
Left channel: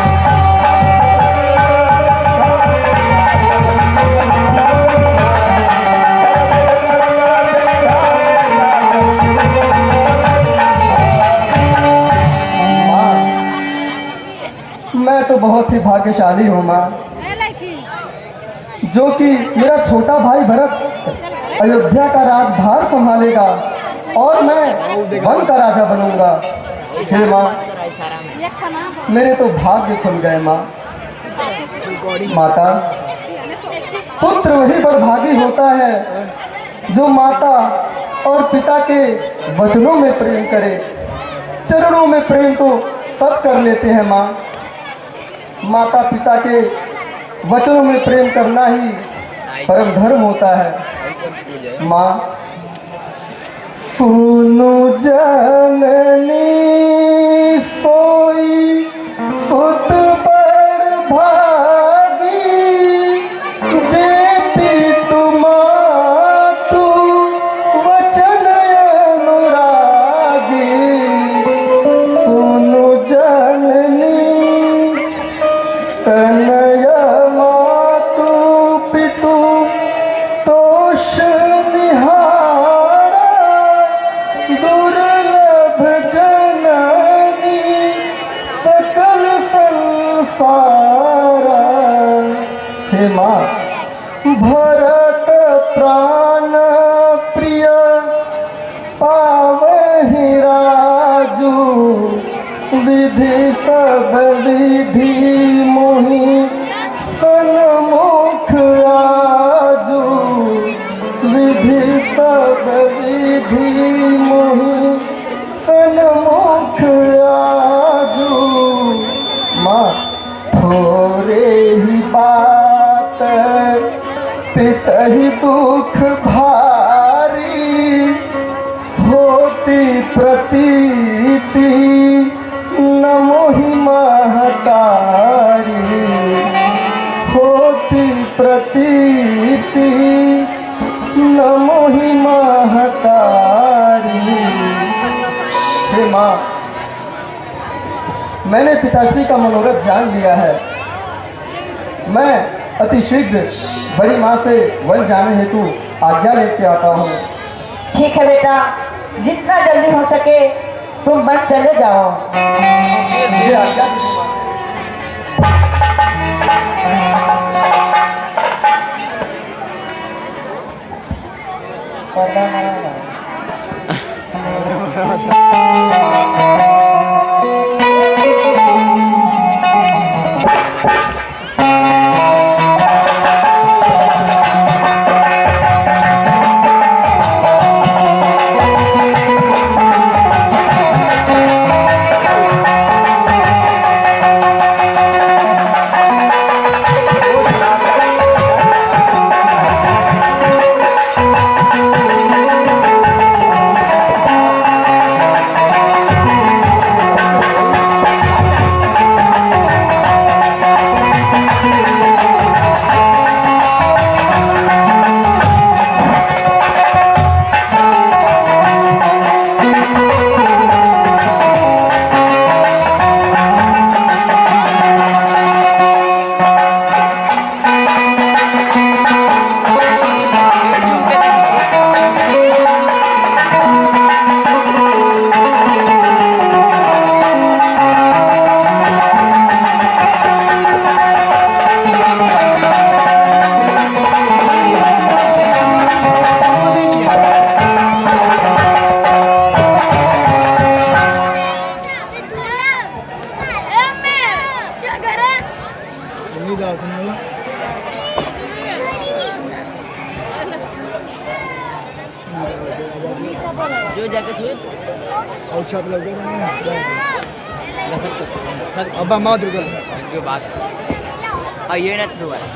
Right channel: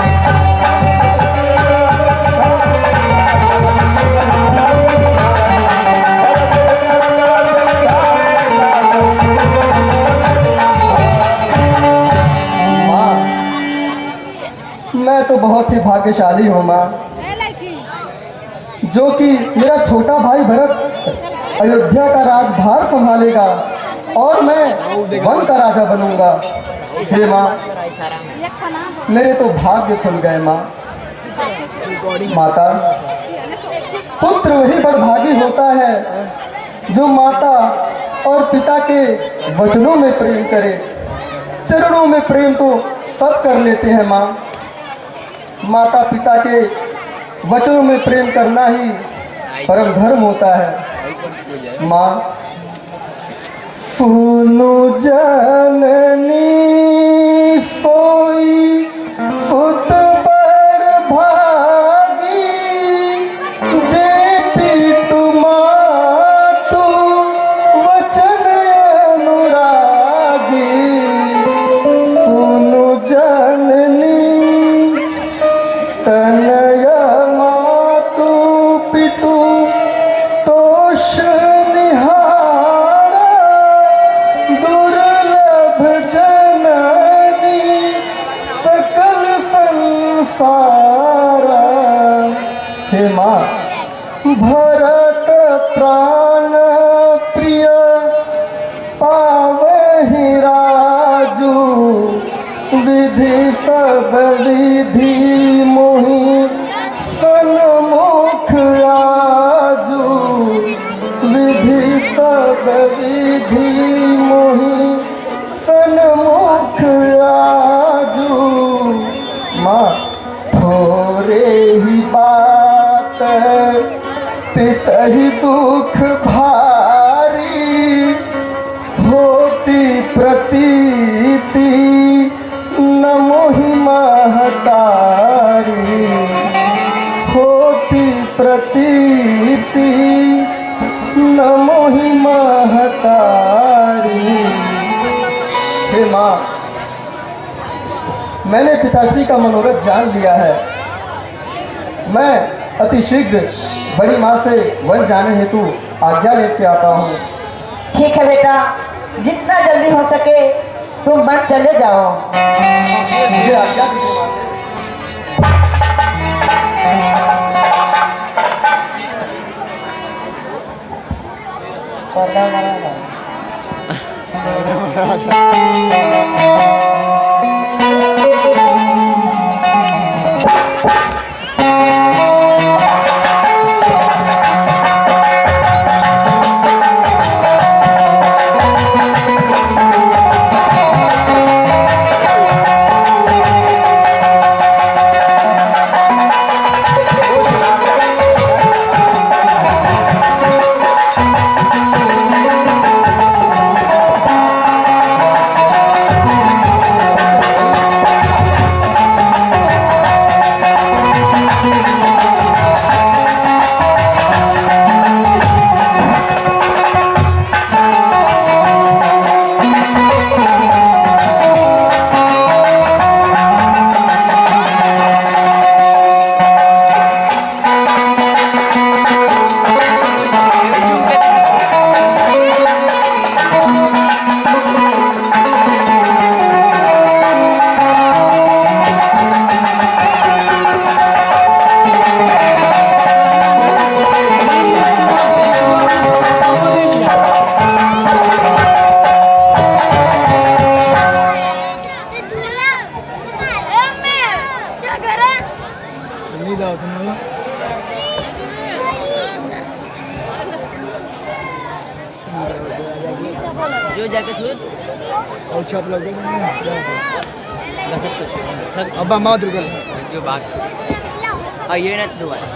मैं तो बहुत ही भाग्यशाली हूँ माँ, जो कि मेरा छोटा भाई भरत अयोध्या का राजभार संभालेगा और मैं वन का राजा बनूंगा। हे माँ, इशारा में मेरे तो भाग्य खुल गए माँ। माता, पुत्र वही बड़भागी होता है जो माता और पिता के वचनों में प्रेम करे। चरणों में प्रेम तो सब कर लेते हैं माँ, माता पिता के वचनों में प्रेम करना ही परम धर्म होता है। माँ, सुनु जननी सोई सुत बड़ भागी, जे पितु मातु वचन अनुरागी। सुनु जननी तनय मातु पितु तोष निहारा, दुर्लभ जननी सकल संसारा। हे माँ, भरत प्राण प्रिय पावहि राजू, विधि सब विधि मोहि सन्मुख आजू। विधि सब विधि मोहि सन्मुख आजू। माँ, थोरे ही बात पितहि दुख भारी, होती प्रतीति न मोहि महतारी। होती प्रतीति न मोहि महतारी। हे माँ, मैंने पिताश्री का मनोरथ जान लिया है। मैं अति शीघ्र बड़ी माँ से वन जाने हेतु आज्ञा लेके आता हूँ। ठीक है बेटा, जितना जल्दी हो सके तुम वन चले जाओ। मुझे आज्ञा दीजिए माँ। नहीं दाव तुम लोग जो जाके सुन और छत लोग सब अब्बा माँ दुर्गल जो बात हाँ ये ना दोबारा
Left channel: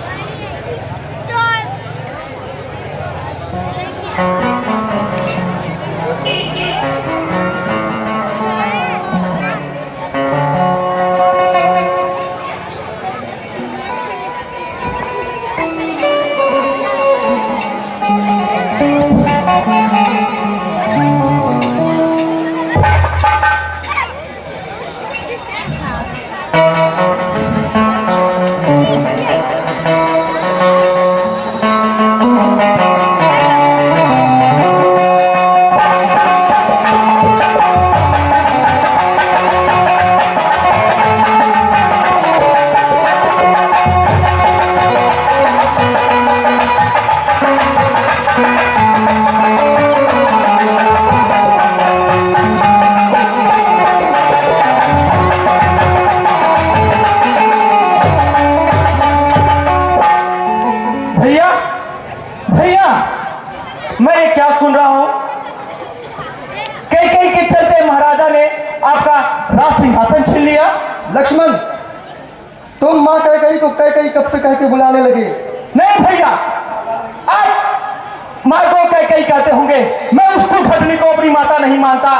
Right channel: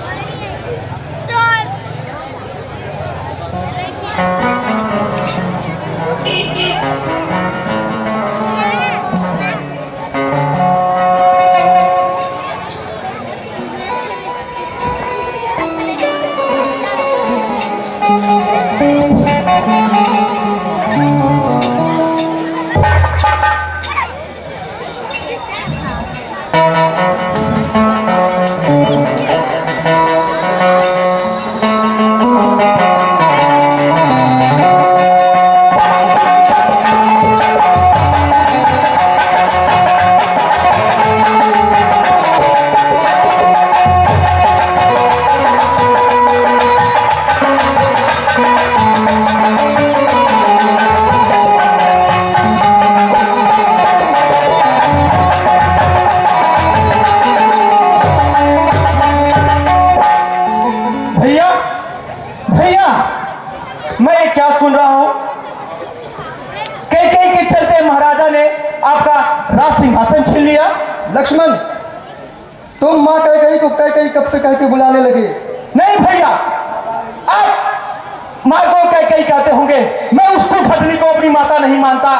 भैया भैया, मैं ये क्या सुन रहा हूँ? कई कई के चलते महाराजा ने आपका राज सिंहासन छीन लिया। लक्ष्मण, तुम माँ कैकेयी को कैकेयी कब से कह के बुलाने लगे? नहीं भैया, आप माँ को कैकेयी कहते होंगे, मैं उसको भजनी को अपनी माता नहीं मानता,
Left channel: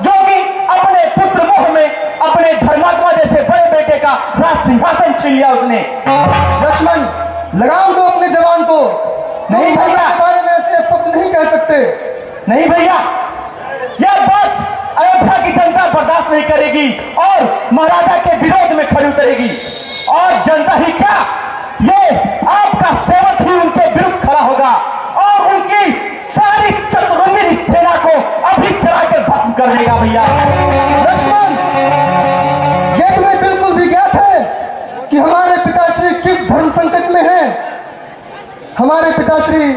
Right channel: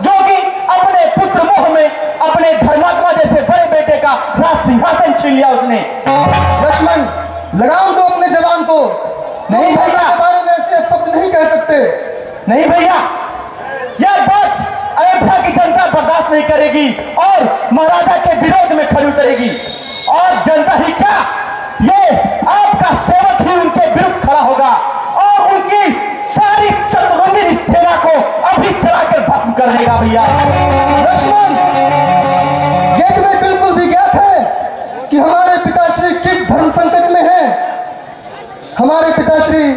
जो कि अपने पुत्र मोह में अपने धर्मात्मा जैसे बड़े बेटे का राज सिंहासन छीन लिया उसने। लक्ष्मण, लगाम दो अपने जवान को। नहीं भैया, के बारे में ऐसे शब्द नहीं कह सकते। नहीं भैया, यह बात अयोध्या की जनता बर्दाश्त नहीं करेगी और महाराजा के विरोध में खड़ी उतरेगी। और जनता ही क्या, ये आपका सेवक ही उनके विरुद्ध खड़ा होगा और उनकी सारी चतुरंगी सेना को अभी चला के भस्म कर देगा। भैया लक्ष्मण, ये तुम्हें बिल्कुल भी ज्ञात है कि हमारे पिताश्री किस धर्म संकट में हैं? हमारे पिताश्री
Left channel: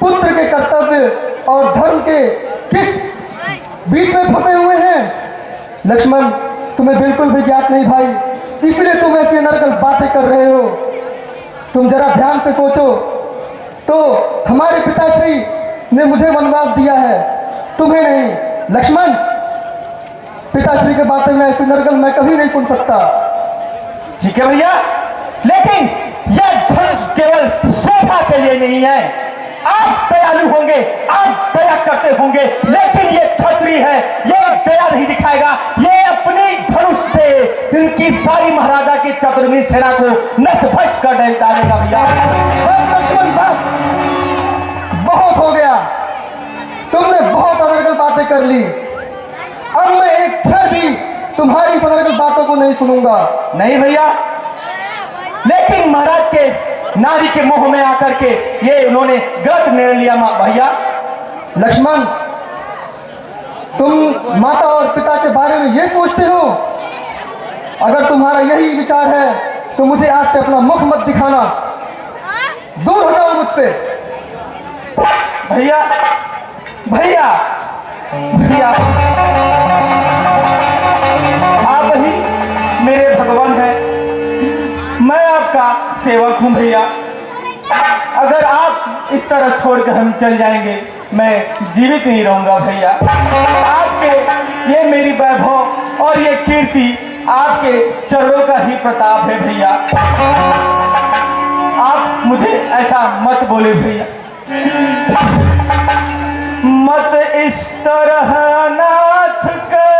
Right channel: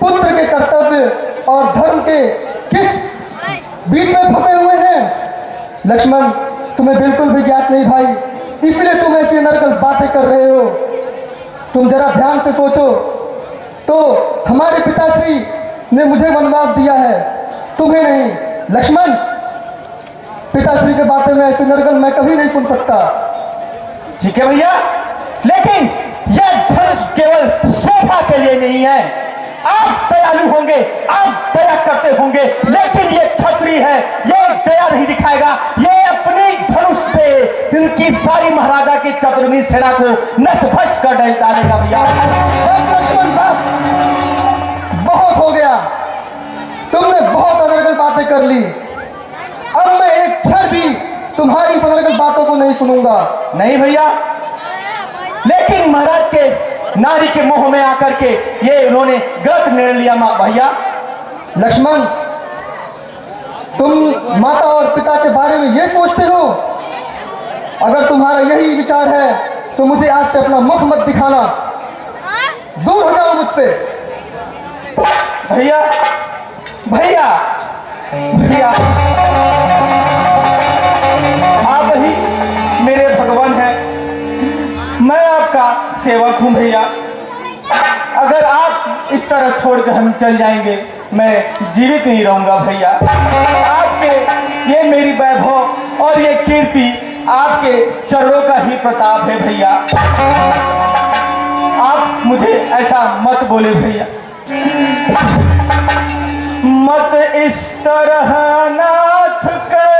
पुत्र के कर्तव्य और धर्म के किस बीच में फंसे हुए हैं? लक्ष्मण, तुम्हें बिल्कुल भी ज्ञात नहीं भाई, इसलिए तुम ऐसी नरकल बातें कर रहे हो। तुम जरा ध्यान से सोचो तो हमारे पिताश्री ने मुझे वनवास दिया है, तुम्हें नहीं। लक्ष्मण, पिताश्री के बातें में ऐसी नरकल मैं कभी नहीं सुन सकता। ठीक है भैया, लेकिन यह धनुष केवल शोभा के लिए नहीं है। आप दयालु होंगे, आप दया करते होंगे, लेकिन ये क्षत्रिय है, ये दया नहीं दिखाएगा। ये अपनी धनुष से जिनकी सारी महाराजा की चतुरंगी सेना को नष्ट भ्रष्ट कर डालेगा। भैया बस लक्ष्मण, बस, बहुत हो गया, तुमने बहुत अनर्गल बातें कर ली। अब मैं एक क्षण भी तुम्हारी अनर्गल बातों को नहीं सुनूंगा। नहीं भैया, लेकिन महाराज के नारी के मोह में आकर के ये इन्होंने गलत निर्णय लिया। भैया लक्ष्मण, तुम माता और पिता के बारे में ये सोचते हो? अगर तुम्हारा यही विचार है तो मुझे आज से अपना मुख मत दिखाना, दूर हो जाओ मुझसे। भैया भैया भैया, आप ही मेरे भगवान हैं, मैं आपका सेवक हूं। भैया अगर आप इस तरह छोड़कर हम चल जाएंगे, मैं जीवित नहीं रहूंगा। भैया आपके ये मेरी वैभव और ये कीर्ति आपके चरणों का ही प्रताप है। भैया आप मुझे ऐसा मत बोले। भैया मत इस तरह नाथ कर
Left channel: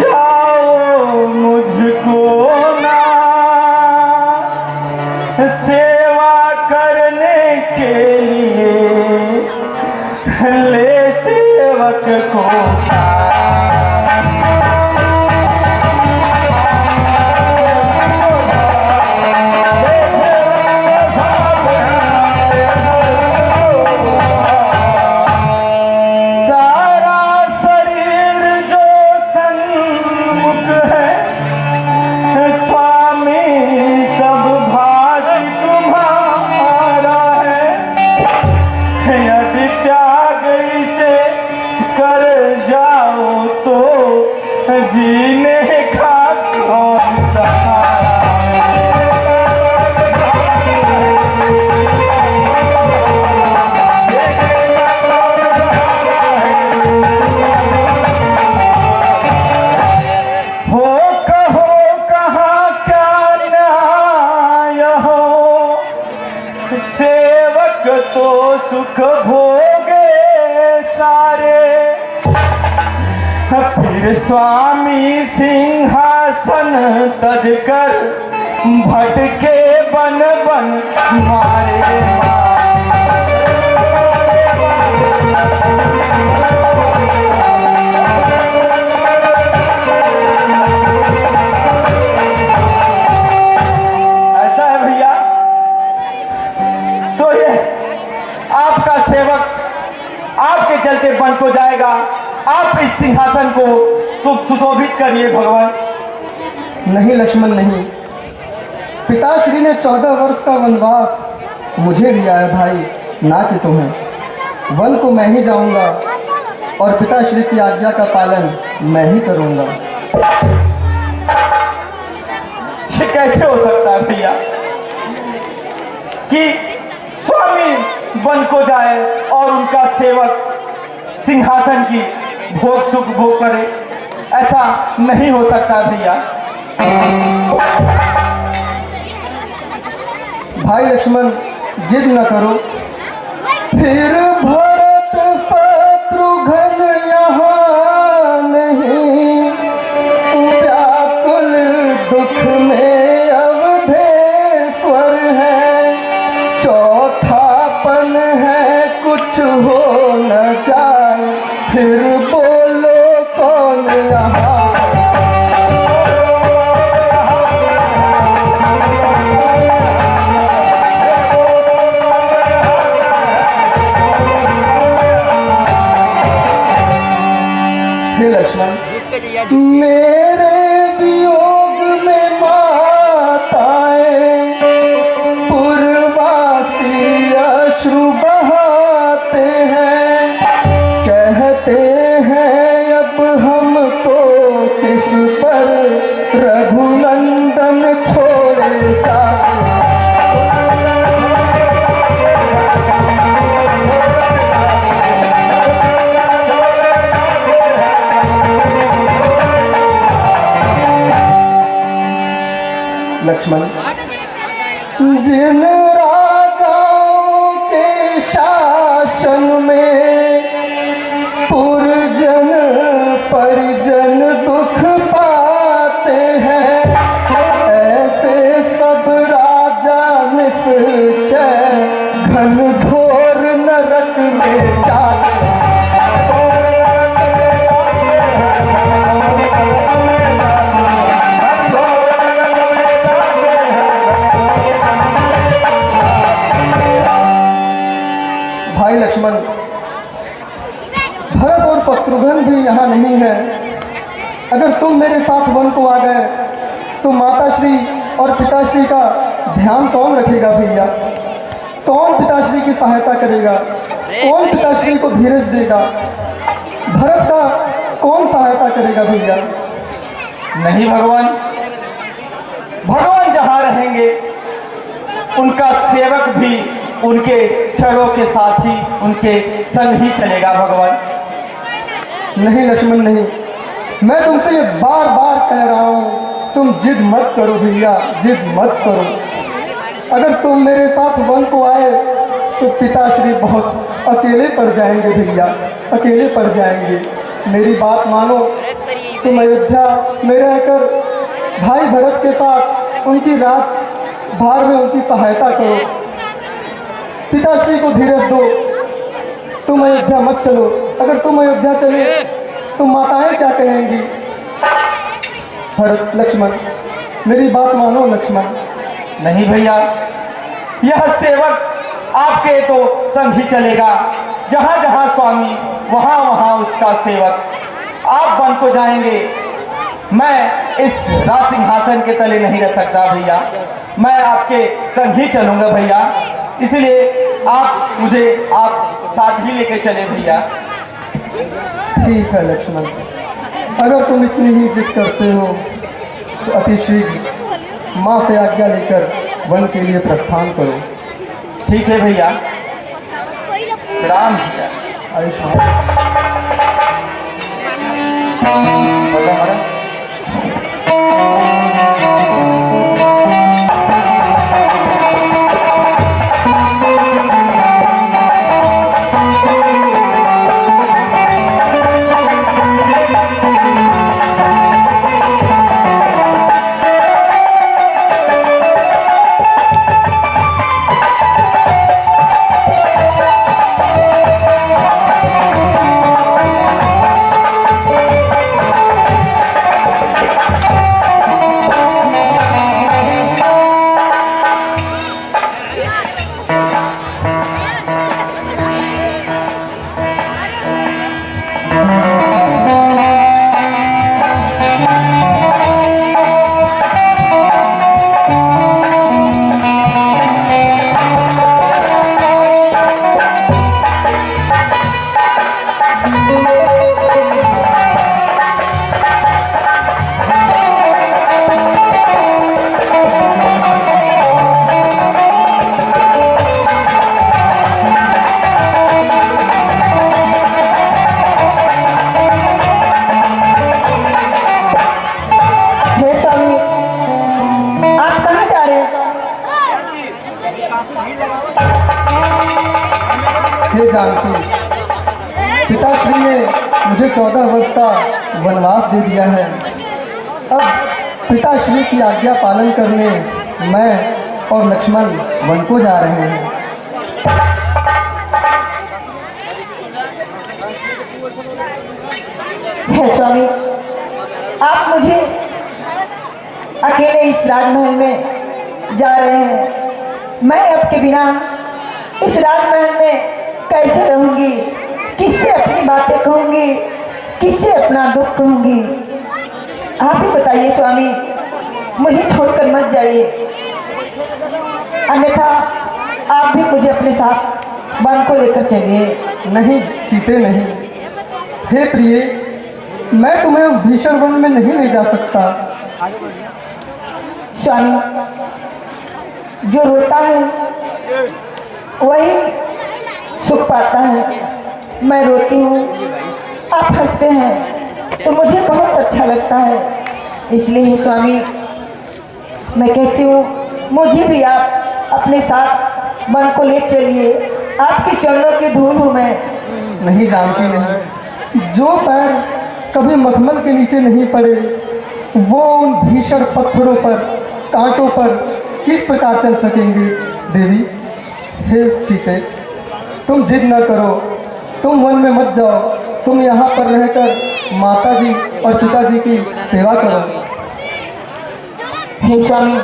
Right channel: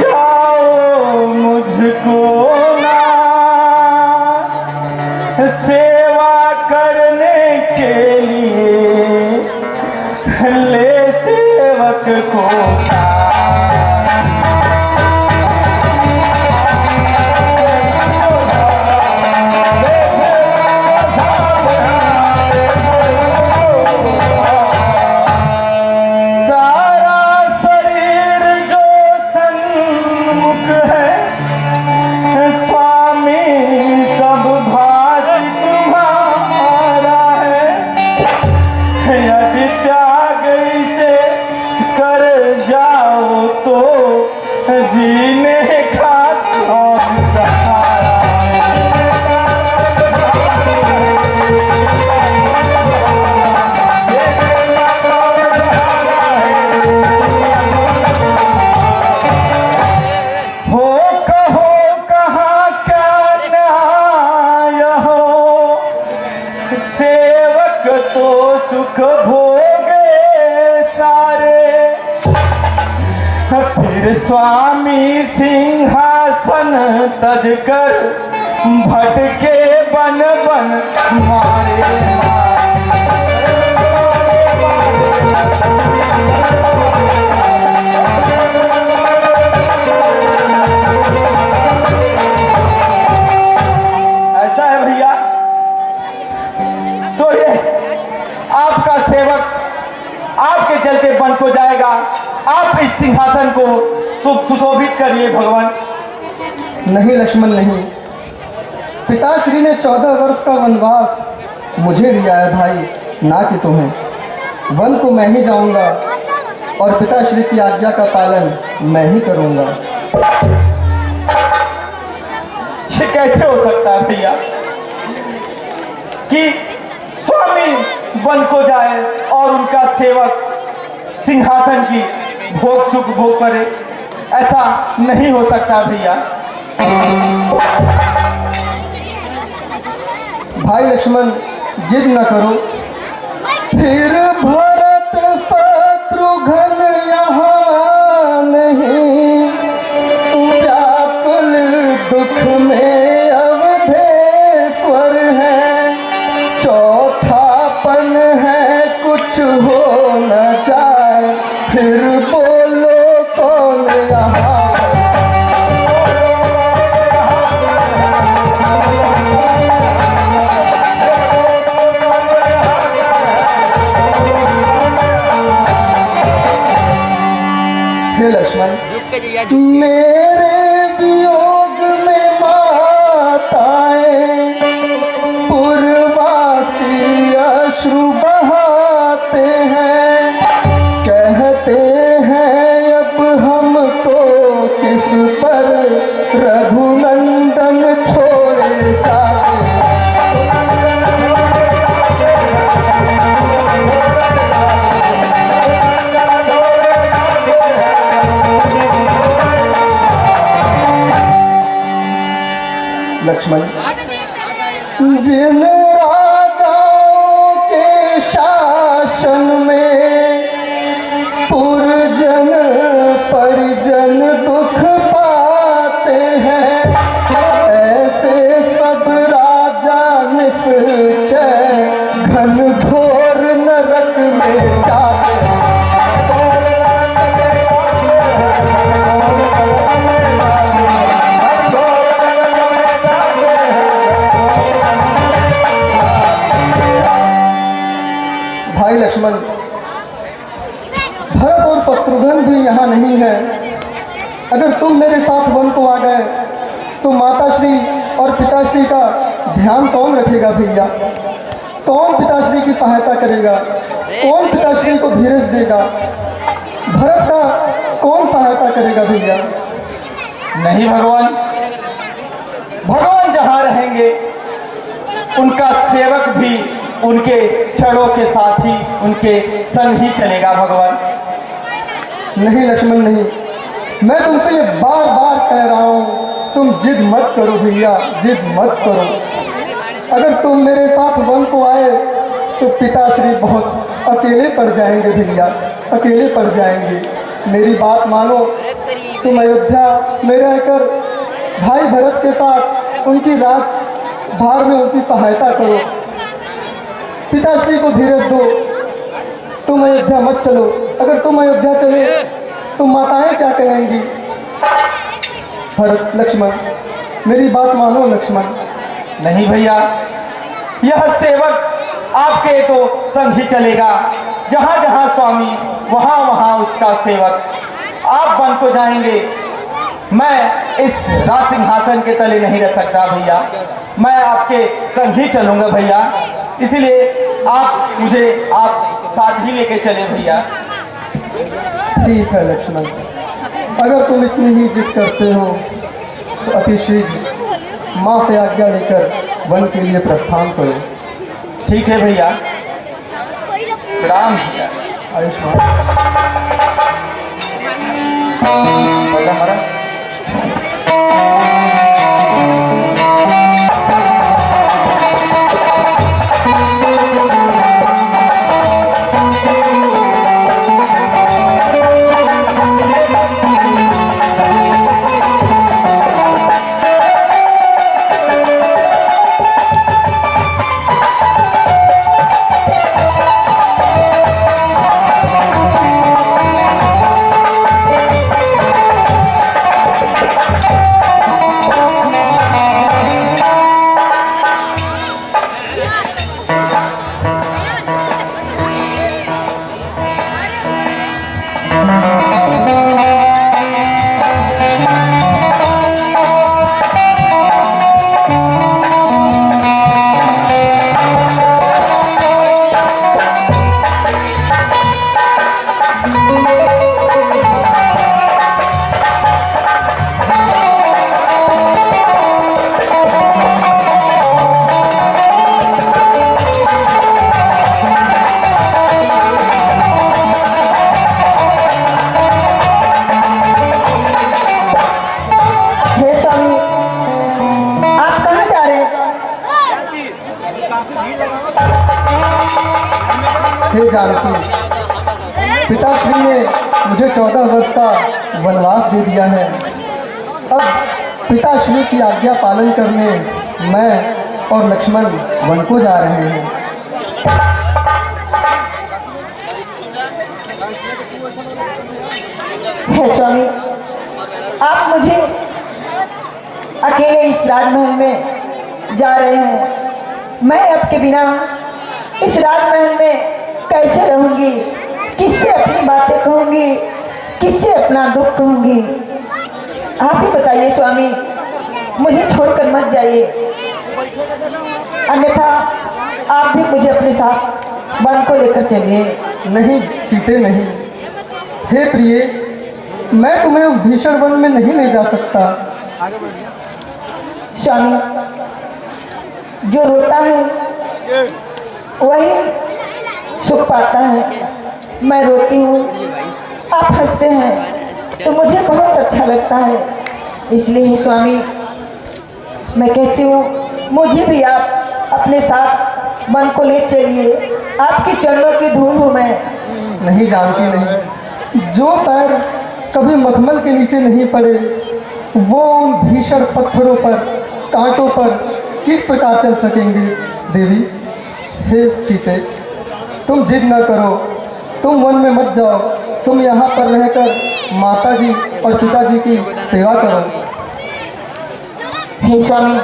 जाओ मुझको ना, सेवा करने के लिए ले सेवक को। सुख भोगे सारे, फिर स्वामी सिंहासन तज कर भटके बन बन मारे। ऐसा है भैया, तो ये आपका सेवक आपके चलते वन को जाएगा। आप इस सिंहासन को सुशोभित करिए भगवान। नहीं लक्ष्मण, नहीं। पिताश्री ने 14 वर्ष का वनवास मुझे दिया है भाई, ना कि तुम्हें। वन को मैं ही जाऊंगा और पिताश्री की आज्ञा का पालन मैं ही करूंगा। ये कैसे हो सकता है भैया? कि स्वामी वन को जाए और उनका सेवक सिंहासन की भोग सुख भोग करे। ऐसा नहीं हो सकता भैया। भाई लक्ष्मण जिद न करो। फिर भरत शत्रुघ्न यहाँ नहीं, व्याकुल दुख में अवधेश्वर है। चौथापन है कुछ हो न जाए, फिर बोलो कौन यहाँ। हे लक्ष्मण, झुक के जैया मेरे वियोग में माताएं पूर्वासी अश्रु बहाते हैं। कहते हैं अब हमको किस पर रघुनंदन छोड़ जाते। लक्ष्मण, जिन राजाओं के शासन में पुरजन परिजन दुख पाते हैं, ऐसे सब राजा निश्चय घनघोर नरक में जाते हैं। भाई लक्ष्मण, भरत और शत्रुघ्न भी यहाँ नहीं है। अगर तुम मेरे साथ वन को आ गए तो माताश्री और पिताश्री का ध्यान कौन रखेगा भैया? कौन पिताश्री की सहायता करेगा? कौन पिताश्री को धीरज देगा? भरत का कौन सहायता करेगा भैया? नहीं भगवान, भगवान जहाँ रहेंगे उनका सेवक भी उनके चरों के साथ ही उनके संग ही चलेगा भगवान। नहीं लक्ष्मण नहीं, मैं तुमसे ये बार बार कह रहा हूँ, तुम जिद मत करो भैया, जिद मत करो। अगर तुम मेरे साथ वन को आए तो पिताश्री बहुत अकेले पड़ जाएंगे भैया, अकेले पड़ जाएंगे। मेरी बात मानो, तुम अयोध्या में रहकर भाई भरत के साथ उनकी राज भार में उनकी सहायता करो। पिताश्री को धीरज दो, तुम अयोध्या मत चलो। अगर तुम अयोध्या चले तो माताएं क्या कहेंगी? भरत, लक्ष्मण, मेरी बात मानो लक्ष्मण। नहीं भैया, यह सेवक आपके तो संग ही चलेगा। जहाँ जहाँ स्वामी वहाँ वहाँ उसका सेवक। आप वन को जाएंगे, मैं इस राज सिंहासन के तले नहीं रह सकता भैया। मैं आपके संग ही चलूंगा भैया, इसलिए आप मुझे आप साथ ही लेके चले भैया। ठीक है लक्ष्मण, अगर तुम इतनी ही जिद करते हो तो अति शीघ्र माँ से आज्ञा लेकर वन के लिए प्रस्थान करो। ठीक है भैया, प्रणाम भैया। आयुष्मान। हे जानकी, पिताश्री ने मुझे 14 वर्ष का वनवास दे दिया है। अब पिताश्री की आज्ञा पालन करने मैं और लक्ष्मण वन को जा रहे हैं। हे स्वामी, आप मुझे अकेले इस राजमहल में जा रहे हैं। मैं आपके बिना इस राजमहल में कैसे रहूंगी? किससे अपनी बातें कहूंगी? किससे अपना दुख कहूंगी? आप ही बताइए स्वामी, मुझे छोड़कर मत जाइए, अन्यथा आप भी मुझे अपने साथ वन को लेकर चलिए। नहीं सीते, नहीं। हे प्रिय, मैं तुम्हें उस भीषण वन में नहीं ले जा सकता। स्वामी, जो रोता है वही सुख पाता है। मैं रोती हूँ, आप हंसते हैं, तो मुझे बहुत अच्छा लगता है। इसलिए स्वामी, मैं कहती हूँ मुझे भी आप अपने साथ वन को ले चलिए। आपके चरणों की धूल हूँ मैं। नहीं जानती, नहीं। जो पैर कभी मखमल के नीचे नहीं पड़े, वो उन भीषण पत्थरों पर, कांटों पर किस प्रकार चल सकेंगे? देवी, हे सीते, तुम जिद न करो, तुम वन में मत जाओ। तुम यहाँ पर रहकर माता जी और पिताजी की सेवा करो। हे स्वामी,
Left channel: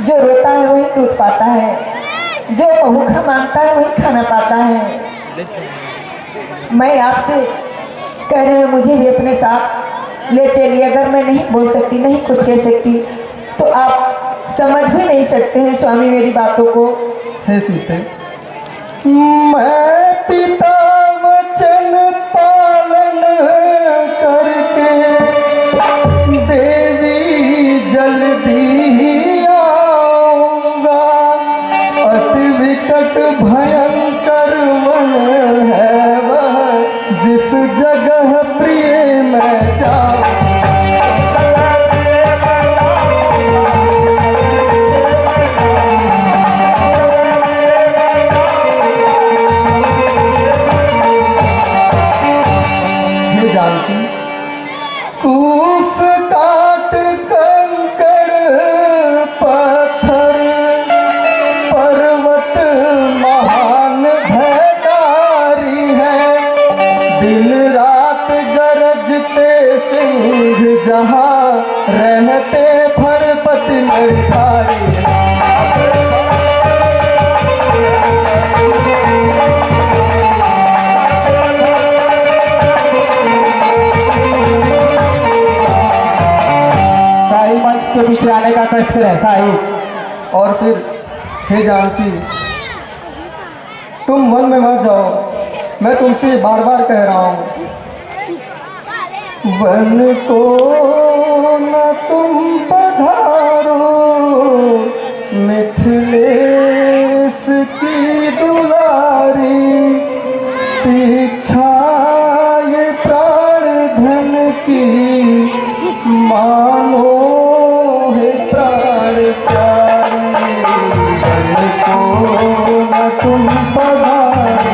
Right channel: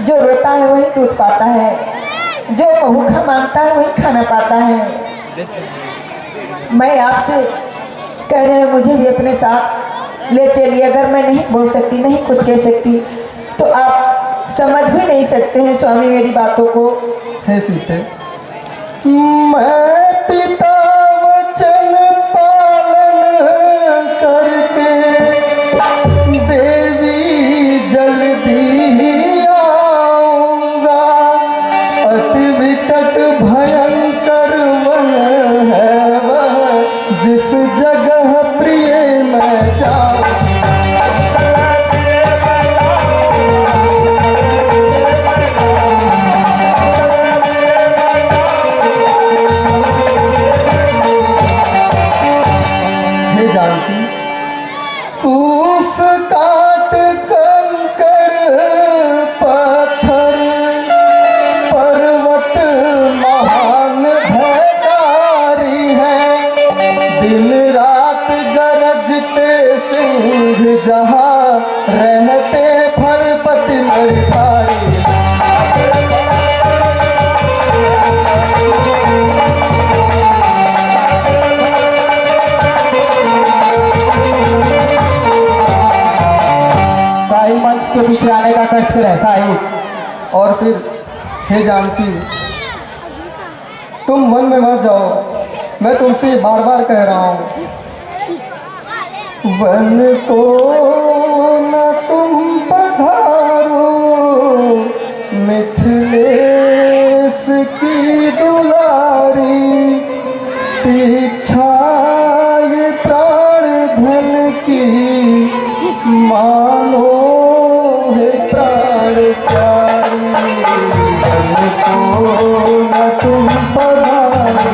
जो रोता है वही दूध पाता है, जो भूखा मांगता है वही खाना पाता है। मैं आपसे कह रहे हैं मुझे भी अपने साथ ले चलिए। अगर मैं नहीं बोल सकती, नहीं कुछ कह सकती, तो आप समझ भी नहीं सकते हैं स्वामी मेरी बातों को। हे सीते, मैं पिता वचन पालन करके देवी जल्दी आऊंगा। अति विकट भयंकर वन है वह, जिस जगह प्रिय मैं जाऊं। कूस काट कंकड़ पत्थर पर्वत महान भयकारी है। दिन रात गरजते सिंह जहाँ रहते फड़पति मरसारी। के पीछे आने का कष्ट फिर ऐसा ही। और फिर हे जानकी, तुम वन में मत जाओ, मैं तुमसे बार बार कह रहा हूँ। वन को न तुम पधारो, मिथिलेश की दुलारी। शिक्षा ये प्राण धन की मानो है प्राण प्यारी। वन को न तुम पधारो,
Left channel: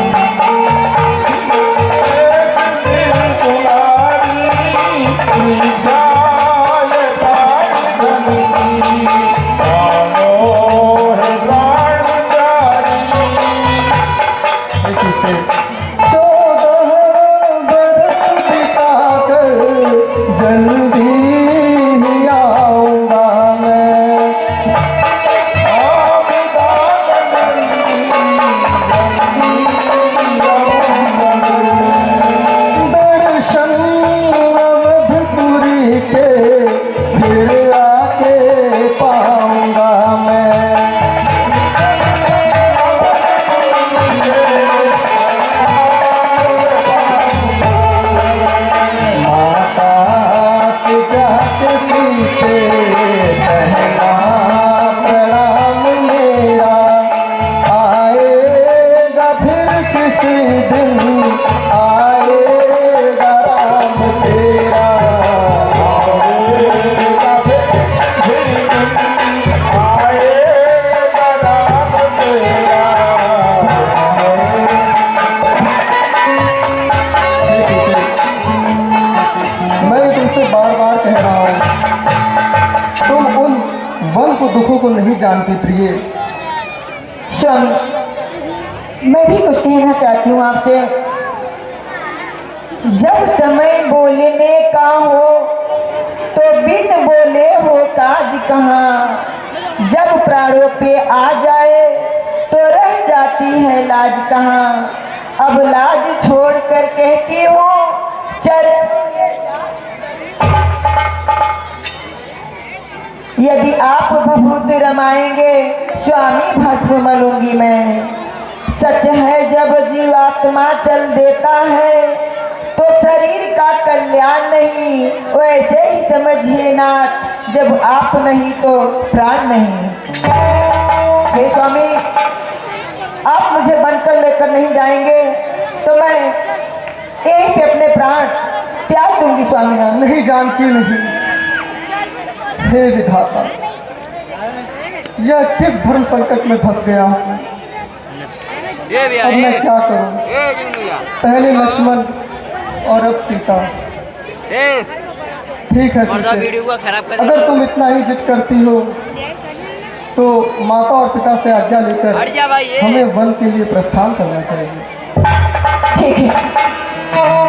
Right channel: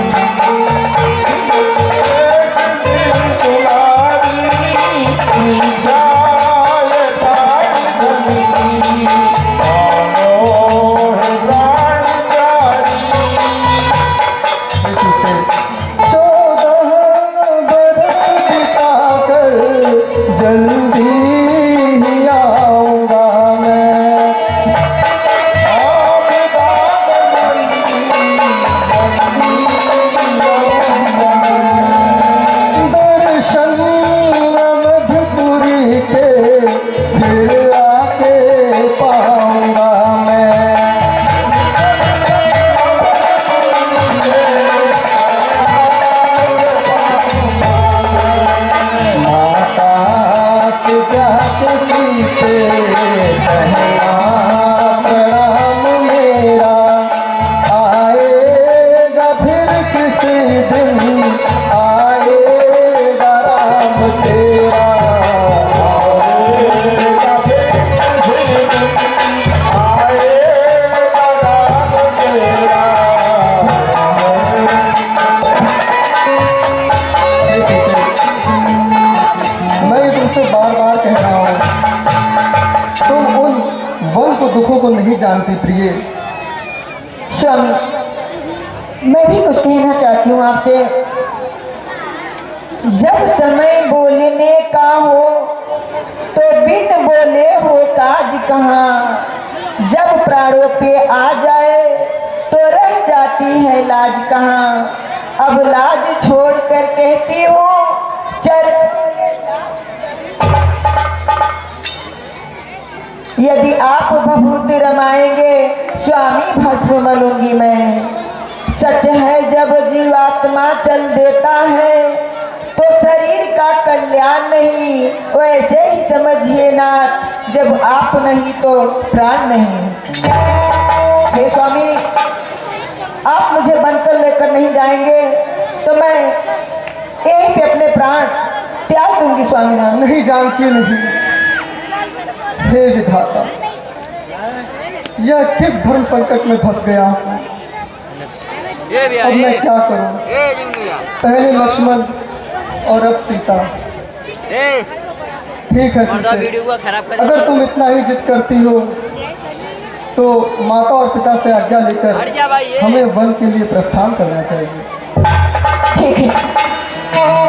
जल्दी ही आऊंगा मैं। को दुखों को नहीं जानती प्रिय। स्वामी मैं भी कुछ कहना चाहती हूँ आपसे। जब समय बोलने का हो तो बिन बोले हो काज कहाँ, जब प्राणों पे आ जाए तो रह जाती है लाज कहाँ। अब लाज छोड़ कर कहती हूँ चल, यदि आप भभूत रमाएंगे स्वामी भस्म मलूंगी मैं। सच है जब जीवात्मा चल देता है तो शरीर का कल्याण नहीं, वैसे ही समझिए नाथ जब आप नहीं तो प्राण नहीं। हे स्वामी आप मुझे बनकर लेकर नहीं जाएंगे तो मैं यहीं पे अपने प्राण त्याग दूंगी स्वामीनाथ। नहीं जानती नहीं। हे विधाता, यह किस धर्म संकट में फंस गया हूँ। ये भी अब मैं क्या करूँ। ये जी भैया पहले लक्ष्मण और अब सीता। ए ठीक है मर्दा ठीक है। वीडियो को खराब कर अगर तुम इतना ही जिद करती हो तो माता और पिता से आज्ञा हट लेकर जा भाई ये हमें वन के लिए प्रस्थान करना चाहिए। ठीक है।